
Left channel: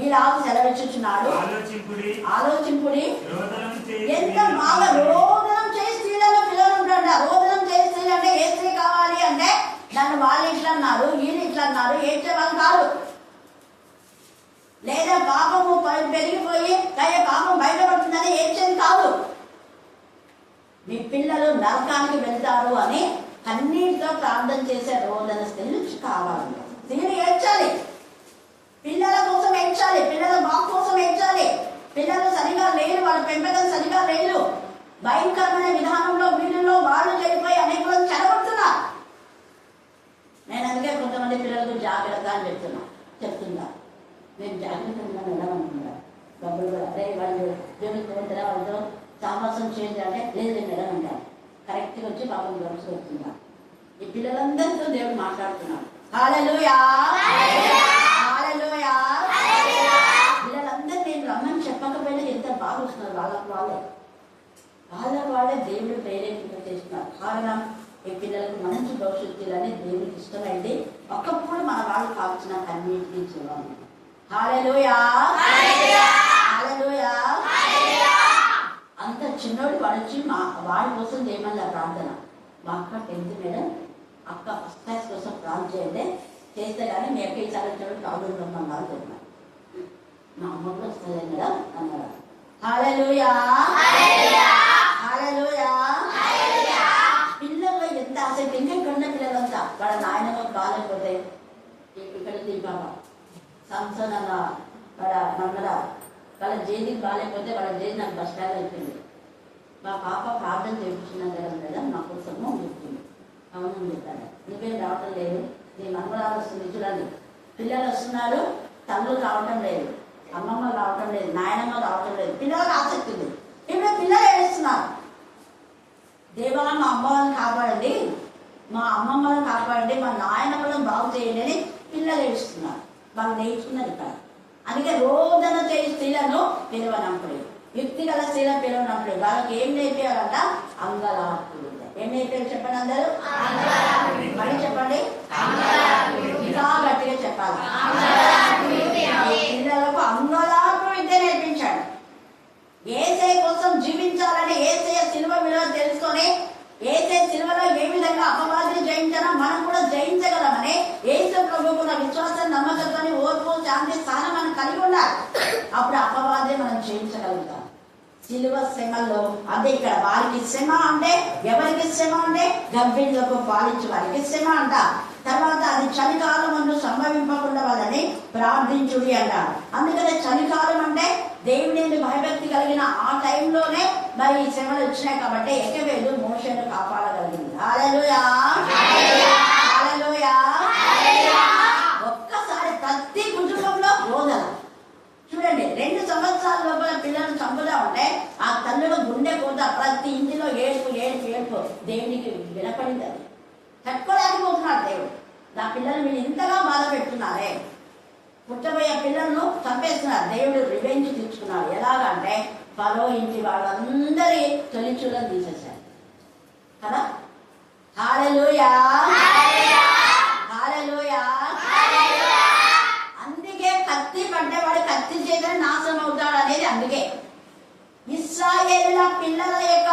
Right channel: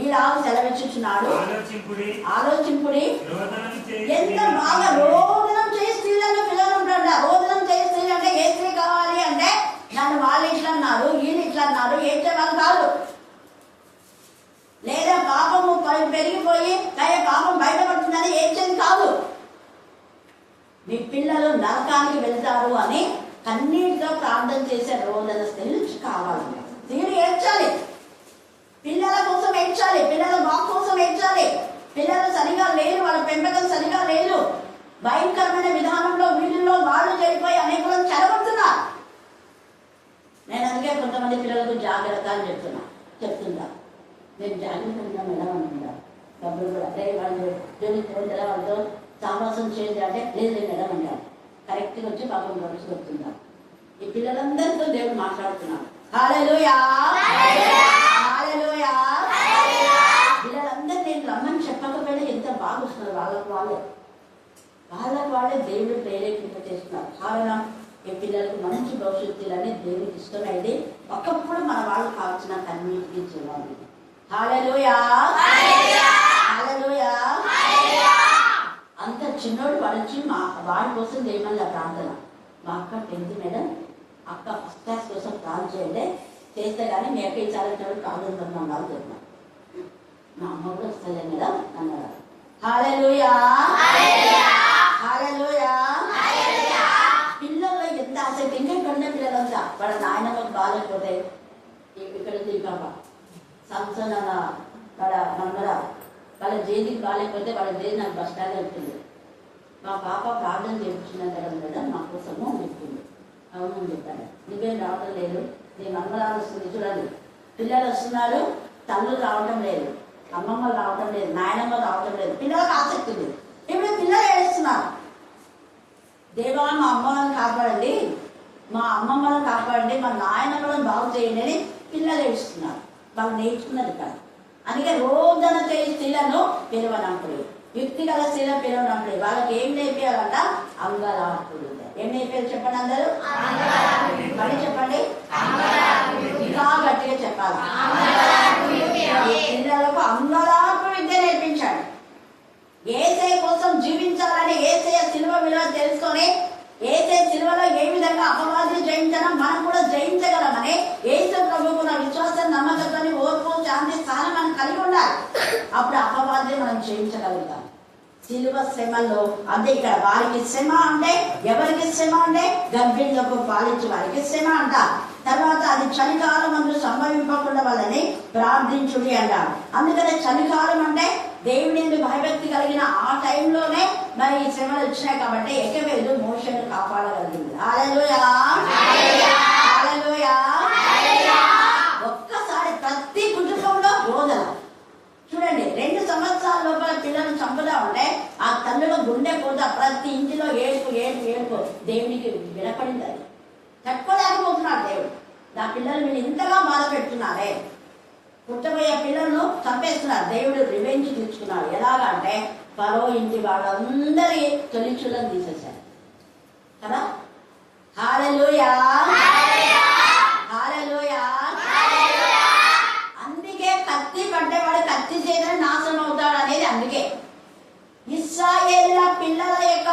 ఈలాగు సెలవిచ్చుచున్నాడు. ఆలోచింపుడి. ఎంత బాగా రోదనం చేయి స్త్రీలను పిల్లలు ఉంటాడు. రోదనం చేయి స్త్రీలు అంటే ఏ స్త్రీ కావాలి అంటే నన్ను వాళ్ళు ఇట్లా అన్నారు, వీళ్ళు ఇట్లా అన్నారు, ఏడ్చేవాళ్ళు కాదు. లేదా పాపము పెరిగిపోయి పాపం బయటపడుతుందని ఏడ్చేది కాదు. మీ పిల్లలు నరకానికి వెళ్తారు అని కన్నీటితో ప్రార్థన చేసే రోదన స్త్రీలు కావాలన్నమాట. స్త్రీలు ఏడ్చాలి, పిల్లల కోసం ఏడ్చాలి, పిల్లల బాగు కోసం ఏడ్చాలి. పిల్లలు సరిగా లేరు, వాళ్ళ పెంపకం సరిగా లేదు. భయంకరమైన విధానంలో వీళ్ళలో వాళ్ళు చెడిపోయి అనేక చెడగొడుతున్నారు. నేను అందుకే కొంతమంది పిల్లలకు జాగ్రత్త అని చెప్తున్నా. నేను జాగ్రత్తగా వెళ్ళమంటున్నా. డబ్బులు కూడా అదే వాళ్ళు దేవుని వాళ్ళతో సావాసం చేయండి అంటే లేదు నేను వెళ్ళమంటాను. కరెక్ట్గా వచ్చి పాపం గడుచు వస్తున్నారు. ఈ పిల్లలందరితో దేవుడు మాట్లాడుతున్నాడు. హల్లెలూయా, హల్లెలూయా. పిల్లలందరూ నేను రమ్మని చెప్పకపోయినా ఎంత బాగా వస్తున్నారు. వాళ్ళకు వాళ్ళే దేవుడు ప్రేరేపింప చేస్తున్నారు. కారణం ఈ పిల్లలకు మంచి భవిష్యత్తులని దేవుడికి ఇష్టమైంది. ఒకప్పుడు మన వాళ్ళు కాల్చిన కన్నీటిని చూడాలి. హల్లెలూయా, హల్లెలూయా. అంత చిన్నోడు పడొచ్చి వాడి కోసం చేయమని ప్రార్థన. మా అక్క 10th మేడం, అక్క ఫస్ట్ క్లాస్ కోసం ప్రార్థన చేయండి, చేస్తే కానీ మీ అక్క ఈసారి ప్రాబ్లం ఉందన్నారు చెప్పిన. మా అమ్మ కూడా వస్తుంది కదా అన్నారు. హల్లెలూయా, హల్లెలూయా. పిల్లల్లో ఎంత ఆసక్తి. ఇంకెక్కడున్న పిల్లలంతా వాళ్ళ నాయనమ్మకు బాగాలేకపోతే ఇక్కడ బాబా సంసన్ అన్న వాళ్ళ మన్నరా వాళ్ళ జేదికి బాగాలేకపోతే వాళ్ళ జేది నాకు బస్ స్టాండ్ వెళ్తుంది. మా పాప ప్రార్థన చేయించున్నాను కదా మేడం మా కోసము చెప్తుంది. అవును చెప్పాను. నువ్వేం రావటం లేదు, నీ మమ్మరాలు వస్తుంది చూడండి. పిల్లలు వస్తున్నారు, తల్లు రావటం లేదు, అమ్మమ్మ రావటం లేదు, నాయనమ్మ రావటం లేదు. పిల్లలకు ఆసక్తి ఉంది. ఇప్పుడు పిల్లలు ఏడుస్తున్నారు. దేవా మా అమ్మలను కాపాడండి, మా అమ్మమ్మలను కాపాడండి, మా నాయనమ్మలను బాగు చేయండి అని పిల్లలు ఏడుస్తున్నారు. వాళ్ళు నేర్చుకున్నది ఇక్కడ. అందుకే రోదన చేయి స్త్రీలను పిలవనంపడి, యుక్తి గల స్త్రీలను పిలవనంపడి. వాళ్ళకి ఏం నేర్పేయాలంట? అంగలార్పుడు. ఏం నేర్పేయాలి చెప్పండి అందరూ? మరి చెప్పండి, ఇంకా గట్టిగా చెప్పాలి. పిల్లలకు అంగలార్పు విద్య నేర్పించాడు. యేసయ్య కోసం జీవించాలని యేసయ్య శిలువ విలువ తెలుసుకొని యేసయ్య శిలువలో ఏ విధంగా అపవాదిని జయించాలో మనం కూడా జయించగలమని యేసు ప్రభువుకున్న విశ్వాసం, నమ్మకత్వాన్ని, ఓర్పు, శాంతి స్థానం మనం కలిగి ఉండాలి. అప్పుడు అపవాదిని మనం జయించగలుగుతాం. శిలువ శ్రమల్లో అదే ఇక్కడ వారికి శ్రమ అంటే ఎవరికి శ్రమ అంటే గర్భిణులకు పాలించే వారికి శ్రమ అంట. తర్వాత అది చలికాలం అందు సంభవింపకుండా వాళ్ళని ప్రార్థించుడి అంటారు. అందుకనే చలికాలం అంటే దేవుని భయభక్తి కలిగిన ఆ టైంలోనే మరి ఈ శ్రమలు వచ్చినాయి కాబట్టి ఎక్కవేదు మోషను కాపాడగలిగింది. హల్లెలూయా, హల్లెలూయా. ఒక్కసారి ప్రతి కుటుంబంలో రోజులు చూడండి. 2 సంవత్సరాల లోపల పిల్లలను చంపుదా ఉంటే ఆ తల్లుల గుండె పోతా ప్రతి ఇంటిలో ఏడుపు దేవునికి వినపడింది. అది తట్టుకోలేకపోతున్నాడు దేవుడు. నా పిల్లలు మీరు ఇంతగా బాధ పెడుతున్నారే, పుట్టబోయే పిల్లలను చంపేస్తున్నారు. దేవుడు రివెంజ్ తీర్చుకున్నాడు. ఎలాగా అంటే ఫరో ఇంటి వాళ్ళందరి తొలిచూలను తీసేశారు కదా. హల్లెలూయా, హల్లెలూయా. అందుకే కత్తి పడ్డవాడు కత్తి చేత నాశనం అవుతాడు అనేది. అందుకే ఇశ్రాయేలుల పిల్లల యొక్క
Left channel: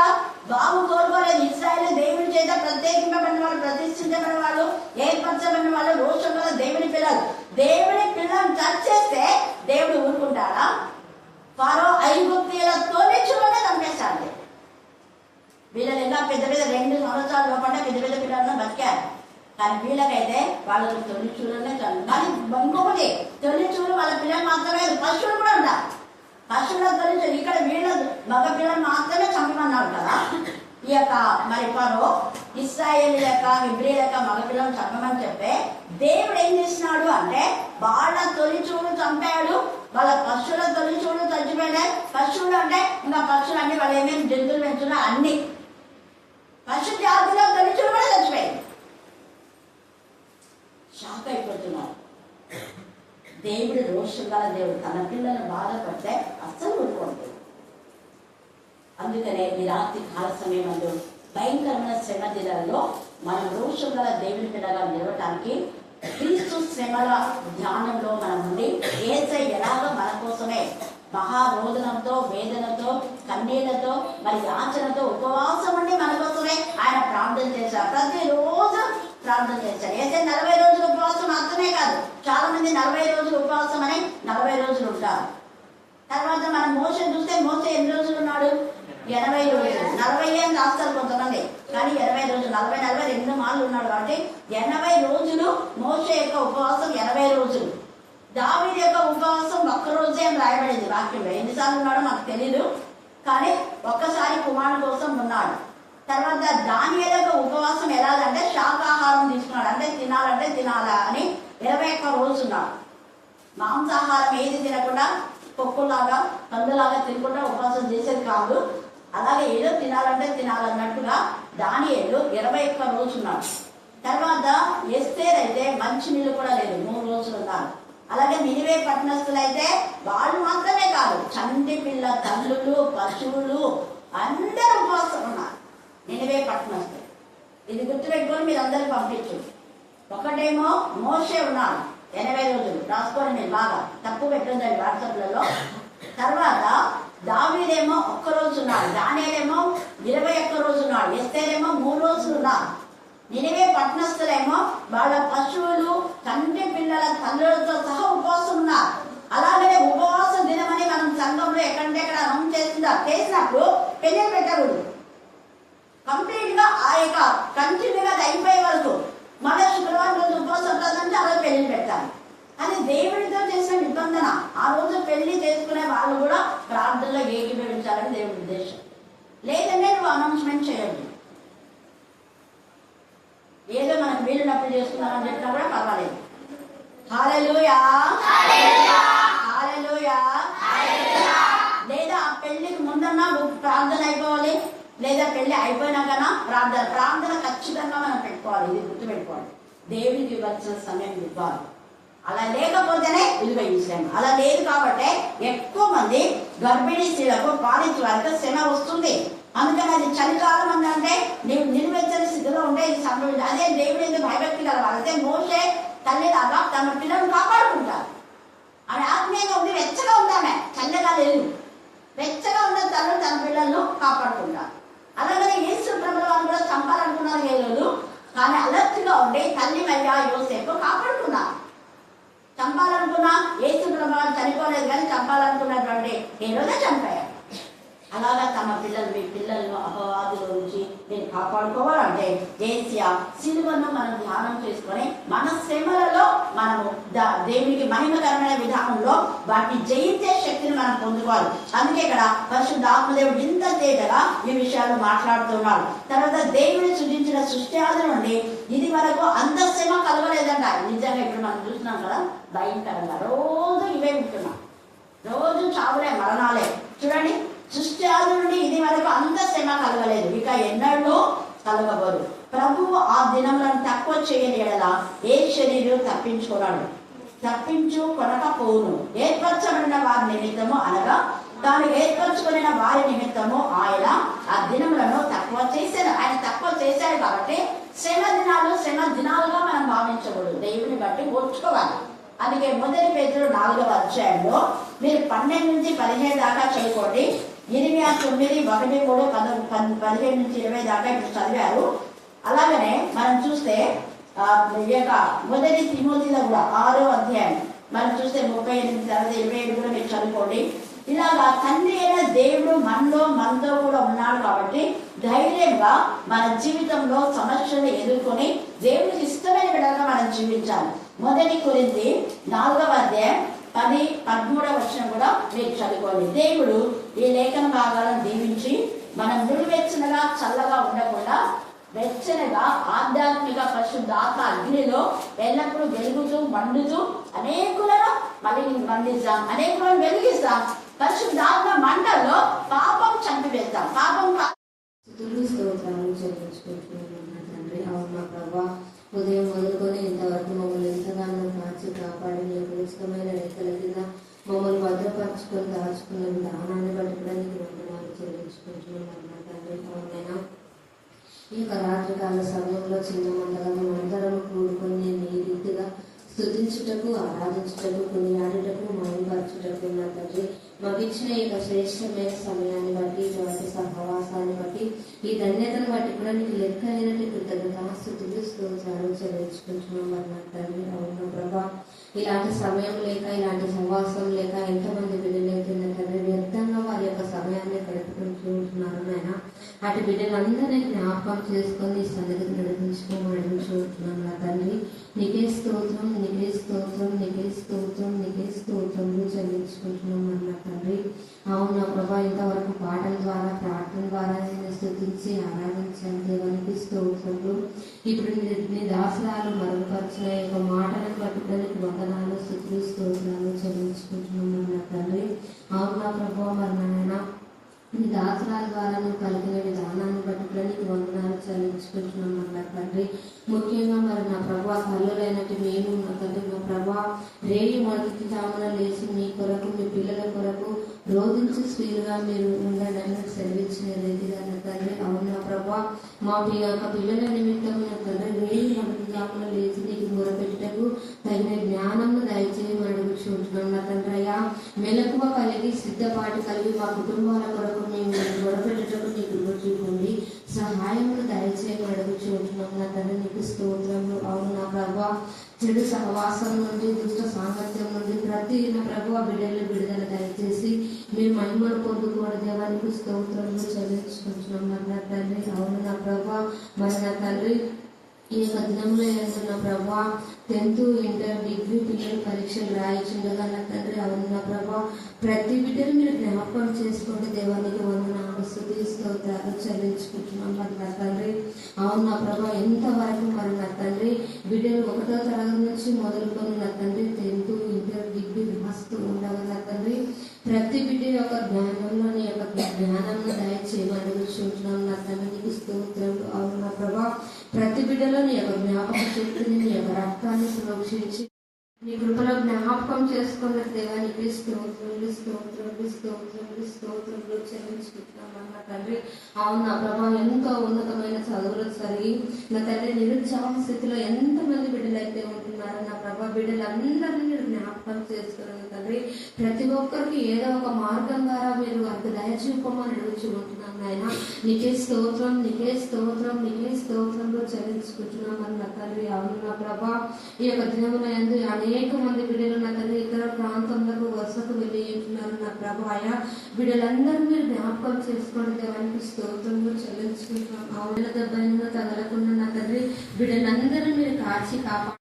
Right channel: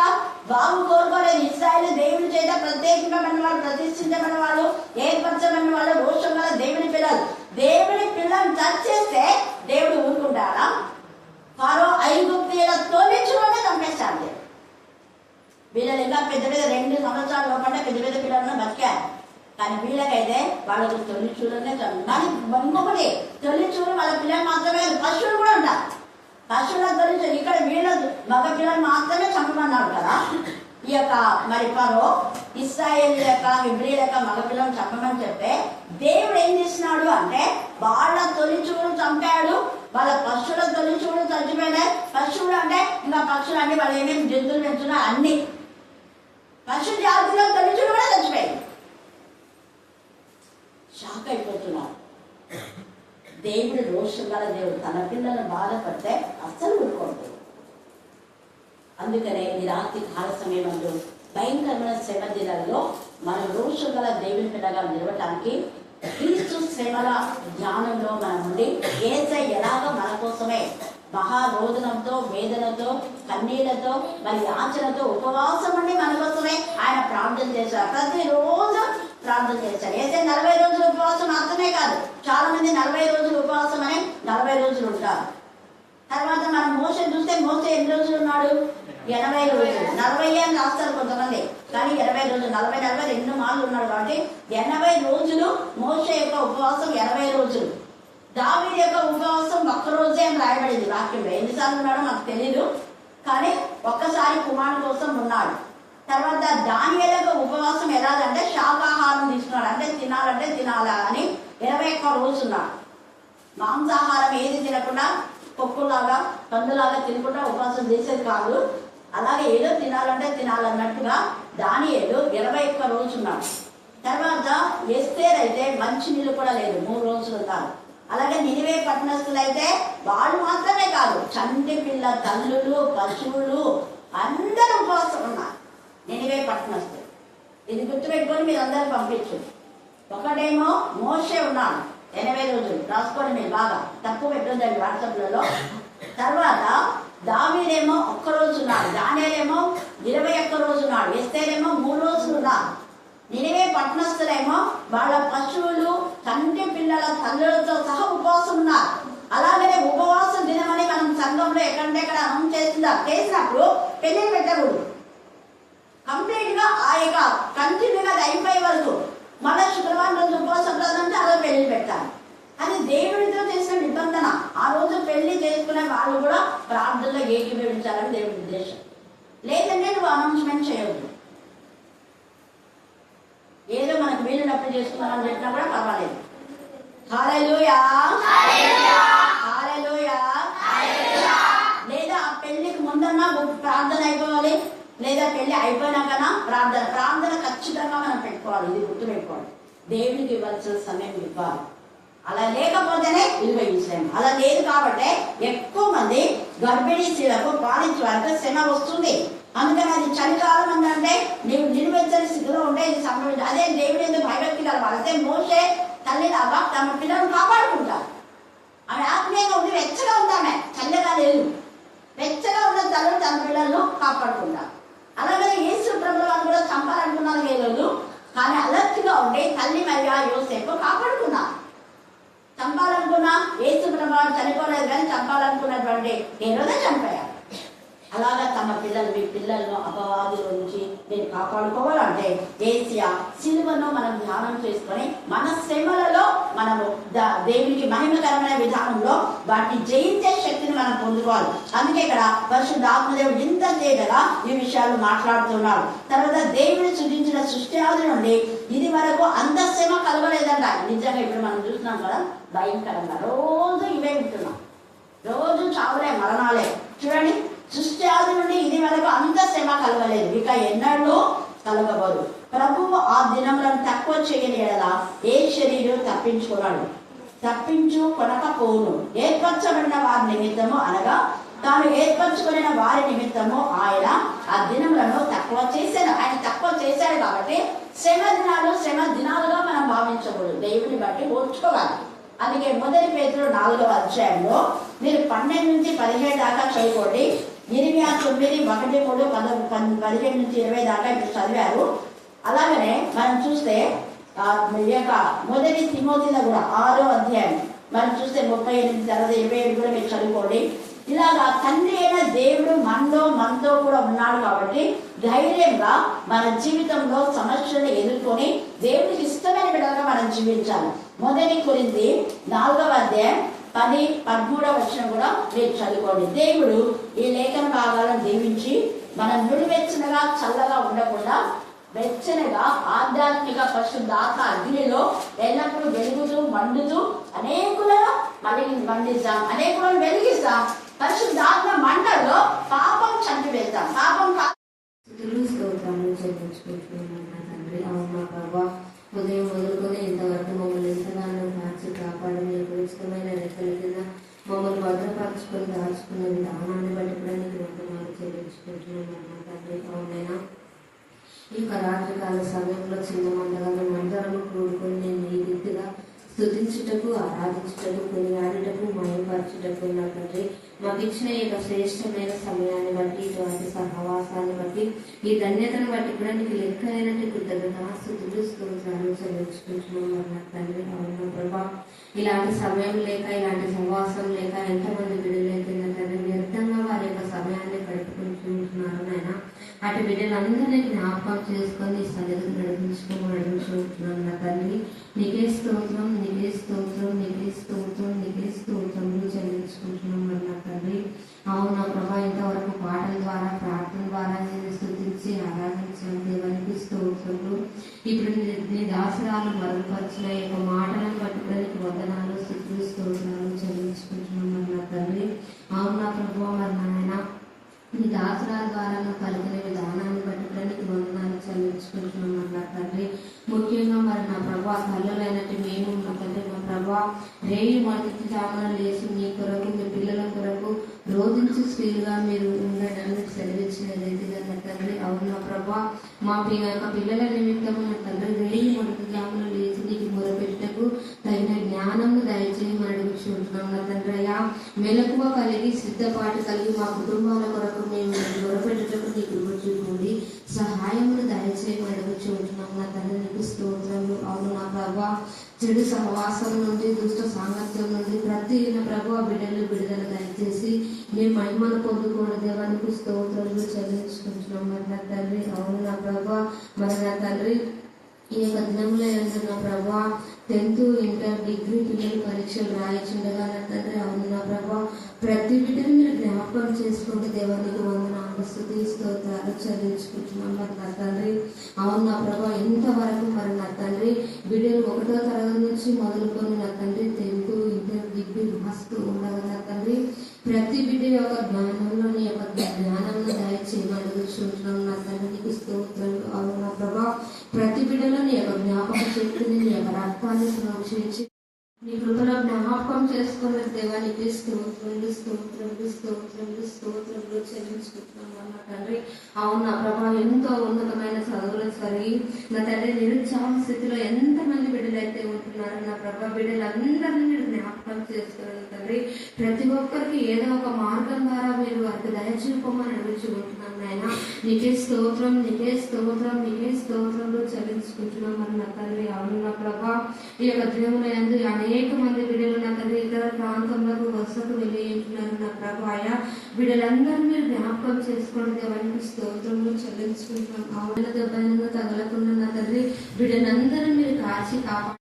బాగు కోరుకోలేదు. ఇశ్రాయేలు దేవుని చేత ప్రత్యేకింపబడిన వాళ్ళు, ప్రతిష్ఠించబడిన వాళ్ళు, ఏర్పరచబడిన వాళ్ళు, రోషం వల్ల దేవుని పిల్లలు. దేవుని పిల్లలను టచ్ చేస్తే దేవుడు ఊరుకుంటాడా? ఫరో ఐగుప్తీయుల తోలించుకుంటే చంపేస్తాడు. వీళ్ళని ఇంకా పెద్ద పెద్ద 2 సంవత్సరాల లోపల పెద్ద పెద్ద పిల్లలను బతికారు. కానీ వీళ్ళకైతే వాళ్ళకి తొలి చూడనే మరి ఇంకొకటి తొలి చూడు వాళ్ళ పిల్లలు మాత్రమే కాదు, పశువులు కూడా ఉంటారు. పశువుల తొలి చూడు ఇక్కడ వీళ్ళ మగ పిల్లలు మాత్రమే చంపమన్నారు కదా. ఈ యొక్క మరి ఫరో ఇశ్రాయేలు యొక్క హెబ్రీల యొక్క మగ పిల్లలను చంపమని చెప్తే దేవుడు ఏం చేసినాడు అంటే వాళ్ళ తొలి చూడు చంపాడు, వాళ్ళ పశువుల తొలి చూడు చచ్చిపోయాయి. పశువులు అంటే ఇంకా పశువులు అంటే వాళ్ళు ఏమేమి జంతువులు పెంచున్నా అన్ని పశు జాతిలో తొలి చూడు కూడా చచ్చిపోయాయి. షాక్ అయిపోతున్నారు. దేవుడు రోషం గల దేవుడు తన పిల్లలను బాధపడితే అస్సలు ఊరుకోండి. అందుకనే ఈ రాత్రి కాల సమయంలో భయంకరమైన శ్రమ దినాలలో మనం రోషం గల దేవుని పిల్లగా నిలవటానికి క్రీస్తు శ్రమల జ్ఞానంలో మనం ఉండి యేసయ్య ఎలాగో మన కోసమే మహారోదనంతో, వేదనతో, కన్నీళ్లతో, మరి యాచనతో ఉపవాసం ఉండి మన కోసమే ఆయన ప్రార్థన చేశారు. ప్రతిరోజు ప్రార్థన చేశారు. యేసయ్య 40 రోజులు ఉపవాసం మాత్రమే కాదు, చాలా మంది 40 రోజులు ఉపవాసం అని 40 రోజులు ఉంటారు. తర్వాత మనం మోసే చూస్తే మోసే ఎన్ని రోజులు ఉన్నాడు? 80 రోజులు. 40 అని రాస్తారు కొంతమంది, కానీ 80 రోజులు. 40 2 మార్లు ఉన్నాడు కాబట్టి 80 రోజులు మోసే యొక్క ఉపవాసం 80 రోజులు. దావీదు యొక్క ఉపవాసం 1 రోజే అని రాయబడింది వాక్యంలో. ఎన్నిసార్లు ఉన్నాడో మనకు తెలీదు, కానీ ఒక్కసారి కుమారుడు కోసం ఉన్నాడు. తర్వాత దానియేలు యొక్క ఉపవాసం ఎలాగంటే శాకాహారం తీసుకున్నాడు, అంటే తినాలంటే తినాలా అని 21 రోజు ఉన్నాడు. మాంసాహారం ఏది తినకుండా పొక్కులాగా పందులాగా తినకుండా ఉపవాసం చేసేది కాదు. అలాగే ఏదో తినాలంటే తినాలన్నట్టుగా దానియేలు 21 రోజు ఉన్నాడు. తర్వాత ఎస్తేర్ అయితే మంచి నీళ్ళు కూడా లేదు, 3 రోజులు ఉన్నారు. అలాగే నినివే పట్టణస్థులు అయితే వాళ్ళు మాత్రమే కాదు, చంటి పిల్ల తల్లులు, పశువులు అందరూ ఉపవాసం ఉన్నారు. నినివే పట్టణస్థులు ఇది గుర్తుపెట్టుకొని మీరు అందరూ పంపించండి. ఒకటేమో మోషే ఉన్నాడు 80 రోజులు, రాసుకోండి మీరు బాగా, తప్పు పెట్టొద్దండి వాట్సాప్లలో. తర్వాత దావీదేమో 1 రోజు ఉన్నాడు, దానియేలేమో 21 రోజు ఉన్నాడు, ఎస్తేరేమో 3 రోజులు ఉన్నారు. నినివే పట్టణస్థులేమో వాళ్ళ పశువులు, చంటి పిల్లల తల్లులతో సహా ఉపవాసం ఉన్నారు. అలాగనే ఉపవాస దినమని మనం సంఘంలో ఎక్కడంటే ఎక్కడ అనౌన్స్ చేసినప్పుడు పెళ్లి పెట్టకూడదు. కంప్లీట్ గా ఆ యొక్క కంటిన్యూగా అయిపోయే వరకు మళ్ళీ శుక్రవారం రోజు ఉపవాసం ప్రార్థన అలా పెళ్లి పెట్టాలి. అది దేవుడితో చేసిన నిబంధన. ఆ రోజు పెళ్లి చేసుకునే వాళ్ళు కూడా ప్రార్థనలో ఏకీభవించాలని దేవుడి ఉద్దేశం. లేదంటే నువ్వు అనౌన్స్మెంట్ చేయవద్దు. ఏదో మనకు వీలునప్పుడు చేసుకున్నామని చెప్పినా కూడా పర్వాలేదు. హల్లెలూయా, హల్లెలూయా. లేదా ఆ పెళ్లికి ముందన్నా ప్రార్థన అయిపోవాలి, లేదా పెళ్లి అయిపోయినాకనా ప్రార్థన ఖచ్చితంగా మనం పెట్టుకోవాలి. ఇది గుర్తుపెట్టుకోవాలి. దేవునికి ఇవ్వాల్సిన సమయం ఇవ్వాలి. అలా లేకపోతేనే విలువ విషయం. అలా లేదు కాబట్టి ఎక్కువ మంది గర్భిణీ స్త్రీలకు పాలించే వారికి శ్రమ వస్తుంది. అందుకని అది చలికాలం అంటే నీవు నిలువెచ్చని స్థితిలో ఉంటే ఇది సంభవించి అదే దేవుడు ఎందుకు భయభక్తి కలవాలి. అదే మోసే తల్లిలాగా తమ పిల్లలను కాపాడుకుంటారు. ఆమె ఆత్మీయంగా ఉండి వెచ్చగా ఉందామె, చల్లగా లేదు, వెచ్చగా ఉన్న తల్లు తన పిల్లలను కాపాడుకుంటారు. అలాగే యేసు ప్రభువు వాళ్ళు కూడా చంపాలనుకున్నారు లేదు, కానీ అలర్ట్గా ఉండి తల్లి మరియా యోసేపు కాపాడుకున్నారు. చంపాలనుకున్నా యేసు ప్రభువు చనిపోలేదు, కానీ చంపాలనుకున్నటువంటి హేరోదే చంపారు. అలాగా తమ పిల్లలు, మీ పిల్లలను అపవాదుల నుంచి నేను కాపాడుకోవాలంటే ఏసియా సిలువను మనం ధ్యానం చేసుకొని మన శ్రమలలో మనము దేవునికి మహిమకరమైన విధానంలో వాటిని జయించే శక్తిని మనం పొందుకోవాలి. అందుకే ఇక్కడ పరిశుద్ధాత్మదేవుడు ఇంత తేటగా ఈ విషయాలు మాట్లాడుతున్నాడు. తర్వాత దేవుని సృష్టించిన సృష్టి ఆది నుండి ఇది వరకు అంత శ్రమ కలగలేదంట. నిజంగా ఇప్పుడు మనం చూస్తున్నాం కదా, భయంకరంగా రోజు ఇవే వింటున్నాం, రోజు చావులే, మరణాలే. చూడండి, సృష్టి ఆది నుండి ఇది వరకు అంత శ్రమ కలగలేదు, ఇక ఎన్నడూ కలగబోదు. ప్రభువు ఆ దినములను తక్కువ చేయలేదా ఏ శరీరం తప్పించుకున్నాడు, తప్పించు కొనకపోను. ఏర్పరచబడిన వారి నిమిత్తము అనగా తాను ఏర్పరచుకున్న వారి నిమిత్తము ఆయన ఆ దినములను తక్కువ చేశారు. ఆయన తక్కువ చేశారు కాబట్టి శ్రమ దినాలుగా మనం భావించకూడదు, దేవుని బట్టి ఓర్చుకోవాలి. అందుకే మొదటి పేతురు 4వ అధ్యాయంలో మీరు 12 నుంచి 17 దాకా చదువుకోండి. 29, 1, 3, 15 నుంచి 20 దాకా ఇప్పుడు చదివారు. అలాగనే మనం చూస్తే మొదటి తిమోతిలో కూడా 6వ అధ్యాయం మనం చూస్తే 38 తర్వాత 27 కూడా మీరు చదువుకోండి. ఇలాగా తండ్రి అయిన దేవుడు మనతో కూడా ఉన్నాడు కాబట్టి ధైర్యంగా మన జీవితంలో సమస్యలు ఎదుర్కొని దేవుడికి ఇష్టమైన విధంగా మనం జీవించాలి. మొదటి కొరింథీ 4వ అధ్యాయం 10, 13వ వచనం కూడా మీరు చదువుకోండి. దేవుడు ఈ లేఖన భాగాలను దీవించి మనం నుడివెచ్చనగా చల్లగా ఉండకుండా వెచ్చనగా ఆధ్యాత్మిక పరిశుద్ధాత్మ అగ్నిలో ఎల్లప్పుడూ వెలుగుతూ మండుతూ అనేకులను మండిస్తాం, అనేకులను వెలిగిస్తాం. పరిశుద్ధాత్మ మంటల్లో పాపం చంపివేస్తాం. పాపం స్తోత్రాలు చెల్లించుకుంటున్నాను తండ్రి. అవునా ప్రభా, ఉదయం మొదలుకొని ఇంతవరకు మమ్మల్ని ఎంతగానో మార్చి కాపాడి మీకు ఇష్టమైన రెక్కల కింద మమ్మల్ని భద్రపరచుకొని దాచుకున్న విధానాన్ని బట్టి కూడా నీకు వందనాలు చెల్లించుకుంటున్నాను తండ్రి. అవునైనా ఈ యొక్క రాత్రికాల సమయంలో చిన్న మందగా మేమందరం కూడుకొని నేను ఈ రీతిగా స్తుతించుటకు, ఆరాధించుటకు, కొనియాడుటకు, మహిమపరచుటకు నా తండ్రి మాకు ఇచ్చిన ఈ శ్రేష్టమైన సమయాన్ని బట్టి, ఇటువంటి సహవాసాన్ని బట్టి, ఈ ధన్యతను బట్టి కూడా నీకు లెక్క అయినట్టు కృతజ్ఞతాస్తుతులు స్తోత్రాలు చెల్లించుకుంటున్నాం నా తండ్రి. అవునా ప్రభా, ఇలాంటి సమయం లేక, ఇలాంటి సహవాసం లేక ఎంతమంది బిడ్డలైతే నా తండ్రి వ్యర్థంగా వారి యొక్క సమయాన్ని గడుపుకుంటున్నారు నాయన. అటు బిడ్డలందరినీ జ్ఞాపకం చేసుకొని సన్నిధిని నడిపించుకోమని అడుగుతున్నాను నా తండ్రి. నీకే స్తోత్రం, నీకే స్తోత్రం, నీకే స్తోత్రం, నీకే స్తోత్రములు చెల్లించుకుంటున్నాం నా తండ్రి. అవునా ప్రభా, ఇంతవరకు పాటల ద్వారా, ప్రార్థన ద్వారా నేను స్తుతించి ఆరాధించాను దేవునికి స్తోత్రములు. ఇప్పుడు నీ దాసరాలు మరుగుపరిచిన యొక్క మాటలను పట్టుకోడానికి వందనాలు, స్తుతులు, స్తోత్రాలు చెల్లించుకుంటున్నాం నా తండ్రి. అవునా ప్రభా, మరి నాయన నీ దాసరాల ద్వారా నువ్వు కలిగిన విధానాన్ని పట్టుకోడానికి వందనాలు చెల్లించుకుంటున్నాం నా తండ్రి. ముఖ్యంగా మరి నా ప్రభా కళ్ళులైనట్టు మేము నా తండ్రి, మా ప్రభా రేయి మొదటి జామున లేచి మీ కొరకు, మీ పిల్లల కొరకు రోధించి స్త్రీలుగా మీరు ఉండడానికి సెలవిచ్చిన రీతిగా నా తండ్రి. అవునా ప్రభా, మా యొక్క పిల్లల నిమిత్తము నా తండ్రి రేయి మొదటి జామున లేచి నీకు మొరపెట్టకు తగిన జ్ఞానంను దయచేయమని అడుగుచుంటున్నాం నా తండ్రి. అయ్యా మెలకువ కలిగి, సిద్ధపాటు కలిగి మా కుటుంబాల కొరకు మేము మొరపెట్టకు నీ కృప చూపండి, సహాయమును దయచేయమని అడుగుచుంటున్నాం నా తండ్రి. నీకు స్తోత్రములు. అవును నా ప్రభా, చెడు సహవాసం నుండి, దుష్ట సాంగత్యం నుండి ప్రతి ప్రభు బిడ్డలు విడుదల దయచేసి మేము మహిమను పొందుకోవడం దేవానికి స్తోత్రాలు చెల్లించుకుంటున్నాం నా తండ్రి. అవును నా ప్రభా, మరి నా తండ్రి ఈ యొక్క దినంలో ఏంటన్నా ప్రభా 10th, ఇంటర్, డిగ్రీ పిల్లలు పరీక్షలు రాయించుండగా నా తండ్రి. అవును నా ప్రభా, ప్రతి బిడ్డను మీరు జ్ఞాపకం చేసుకోండి దేవానికి వందనాలు, స్తుతి, స్తోత్రాలు చెల్లించుకుంటున్నాం మరి నా తండ్రి. అవును నా ప్రభా, ఎంతవరకు మరి నా తండ్రి బిడ్డలు 1వ తరగతి నుంచి మొదలుకొని నా తండ్రి 10th, ఇంటర్, డిగ్రీ రాస్తూ ఉండగా నా తండ్రి ప్రతి బిడ్డ యొక్క జ్ఞానంలోని యొక్క జ్ఞానాన్ని దయచేయమని అడుగుచుంటున్నాం నా తండ్రి. నీకు స్తోత్రాలు. అవును నా ప్రభా, ప్రతి బిడ్డలో నీ యొక్క జ్ఞాపక శక్తిని, నీ యొక్క రక్తాన్ని ప్రోక్షించి నీ కృపలో జ్ఞాపకం చేసుకున్న దేవానికి స్తోత్రములు, స్తోత్రములు, స్తోత్రములు, స్తోత్రములు చెల్లించుకుంటున్నాం నా తండ్రి. అవును నా ప్రభా, ఎంతో ఉన్నతమైన చదువులు చదివి నా తండ్రి నిరుత్సాహ స్థితిలో ఎంతమంది బిడ్డలైతే ఉంటున్నారో నా ప్రభా, బిడ్డలందరినీ మీరు జ్ఞాపకం చేసుకున్నాను తండ్రి. ప్రతి ఒక్కరికి ఏదో ఒక మార్గం ద్వారా మీరు వారికి దయచూపమని అడుగుచుకుంటున్నాం నాయన. నీకే స్తోత్రం, నీకే స్తోత్రం, నీకే స్తోత్రంలో చెల్లించుకుంటున్నాం నా తండ్రి. అవును నా ప్రభా, ఈ యొక్క దినమున యందు అనేక మంది బిడ్డలు నా తండ్రి ఇతర ప్రాంతంలో వరుసకు వెళ్ళింటున్నారు నా ప్రభా. ఆయా బిడ్డలందరూ మీరు జ్ఞాపకం చేసుకోండి దేవానికి స్తోత్రంలో చెల్లించుకుంటున్నాం. అవున దెబ్బలంగా తగలకుండా నా తండ్రి బిడ్డలందరూ మీరు కాచి కాపాడు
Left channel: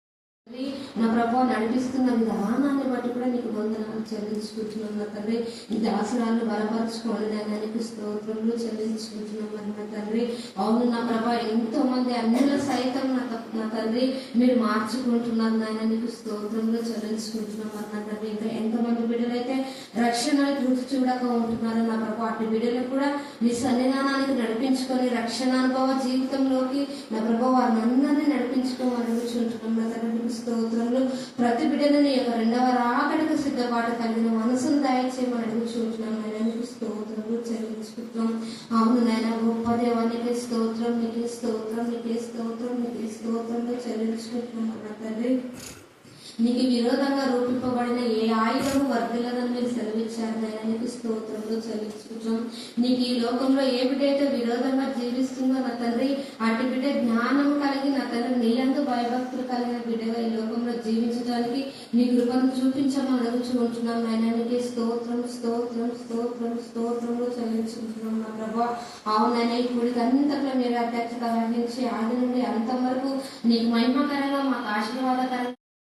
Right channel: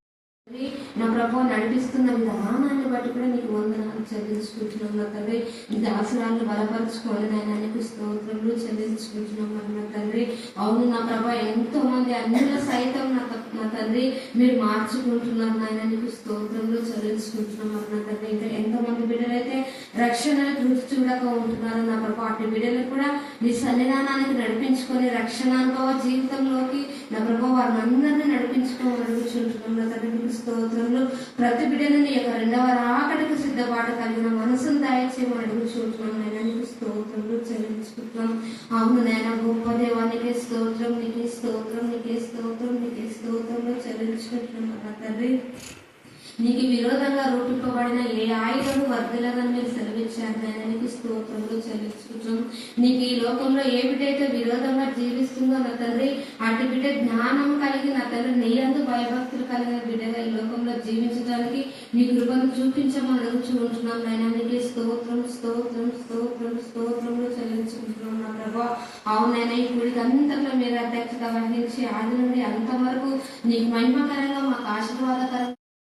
నా ప్రభావ నడిపిస్తున్న విధానాన్ని బట్టి కూడా నీకు వందనాలు చెల్లించుకుంటున్నాం నా తండ్రి. ఈ దాసరాన్ని బలపరచుకోలేదైనా నీకు స్తోత్రంలో చెల్లించుకుంటున్నాం నా తండ్రి. అవును నా ప్రభా, ఎంతో మంది అన్యుల సైతం నా నా తండ్రి మీరు మార్చుకుంటున్నారు నాయన, నీకు స్తోత్రంలో చెల్లించుకుంటున్నారు నా తండ్రి. ఇంకా ఎంతమంది బిడ్డలైతే రక్షణను రుచి చూడక ఉంటున్నారు నా ప్రభు, అటు బిడ్డలు కూడా మీ సన్నిధానానికి నడిపించుకొని రక్షణ అనుభవ జీవితంలోకి నా ప్రభు వారిని అందరినీ నడిపించుకోమని అడుగుచుంటున్నాం నా తండ్రి. మీకు స్తోత్రంలో ప్రతి బిడ్డలని యొక్క రెండవ రాకడకు సిద్ధపాటు కలిగిన మనసును దయచేయమని అడుగుచుంటున్నాం నాయన, నీకు స్తోత్రంలో చెల్లించుకుంటున్నాం. అవును నాయన, గొప్ప దేవా నీకే స్తోత్రం, నీకే స్తోత్రం, నీకే స్తోత్రం, నీకే స్తోత్రంలో చెల్లించుకుంటున్నాం నా తండ్రి. నీకు విరోధంగా రూపింపబడిన ఏ ఆయుధం వర్ధలదని మీరు సెలవిచ్చారు నాయన, నీకు స్తోత్రంలో చెల్లించుకుంటాం. నీకు ఈ లోకంలో ఏ బిడ్డైతే విరోధంగా జీవిస్తుందో నా తండ్రి, అటు బిడ్డ జ్ఞానం కలిగి నా తండ్రి నీ యందు భయభక్తులు కలిగిన బిడ్డగా ఈ లోకంలో జీవించడానికి మీ కృపను చూపించమని అడుగుచుకుంటున్నాం నాయన, నీకే స్తోత్రం, స్తోత్రం, స్తోత్రం, స్తోత్రంలో చెల్లించుకుంటున్నాం నా ప్రభా. అవునైనా ఈ గుడికి అంతట్లో మీరు అధ్యక్షత వహించి ఆది నుండి అంతవరకు నీకు మహిమకరంగా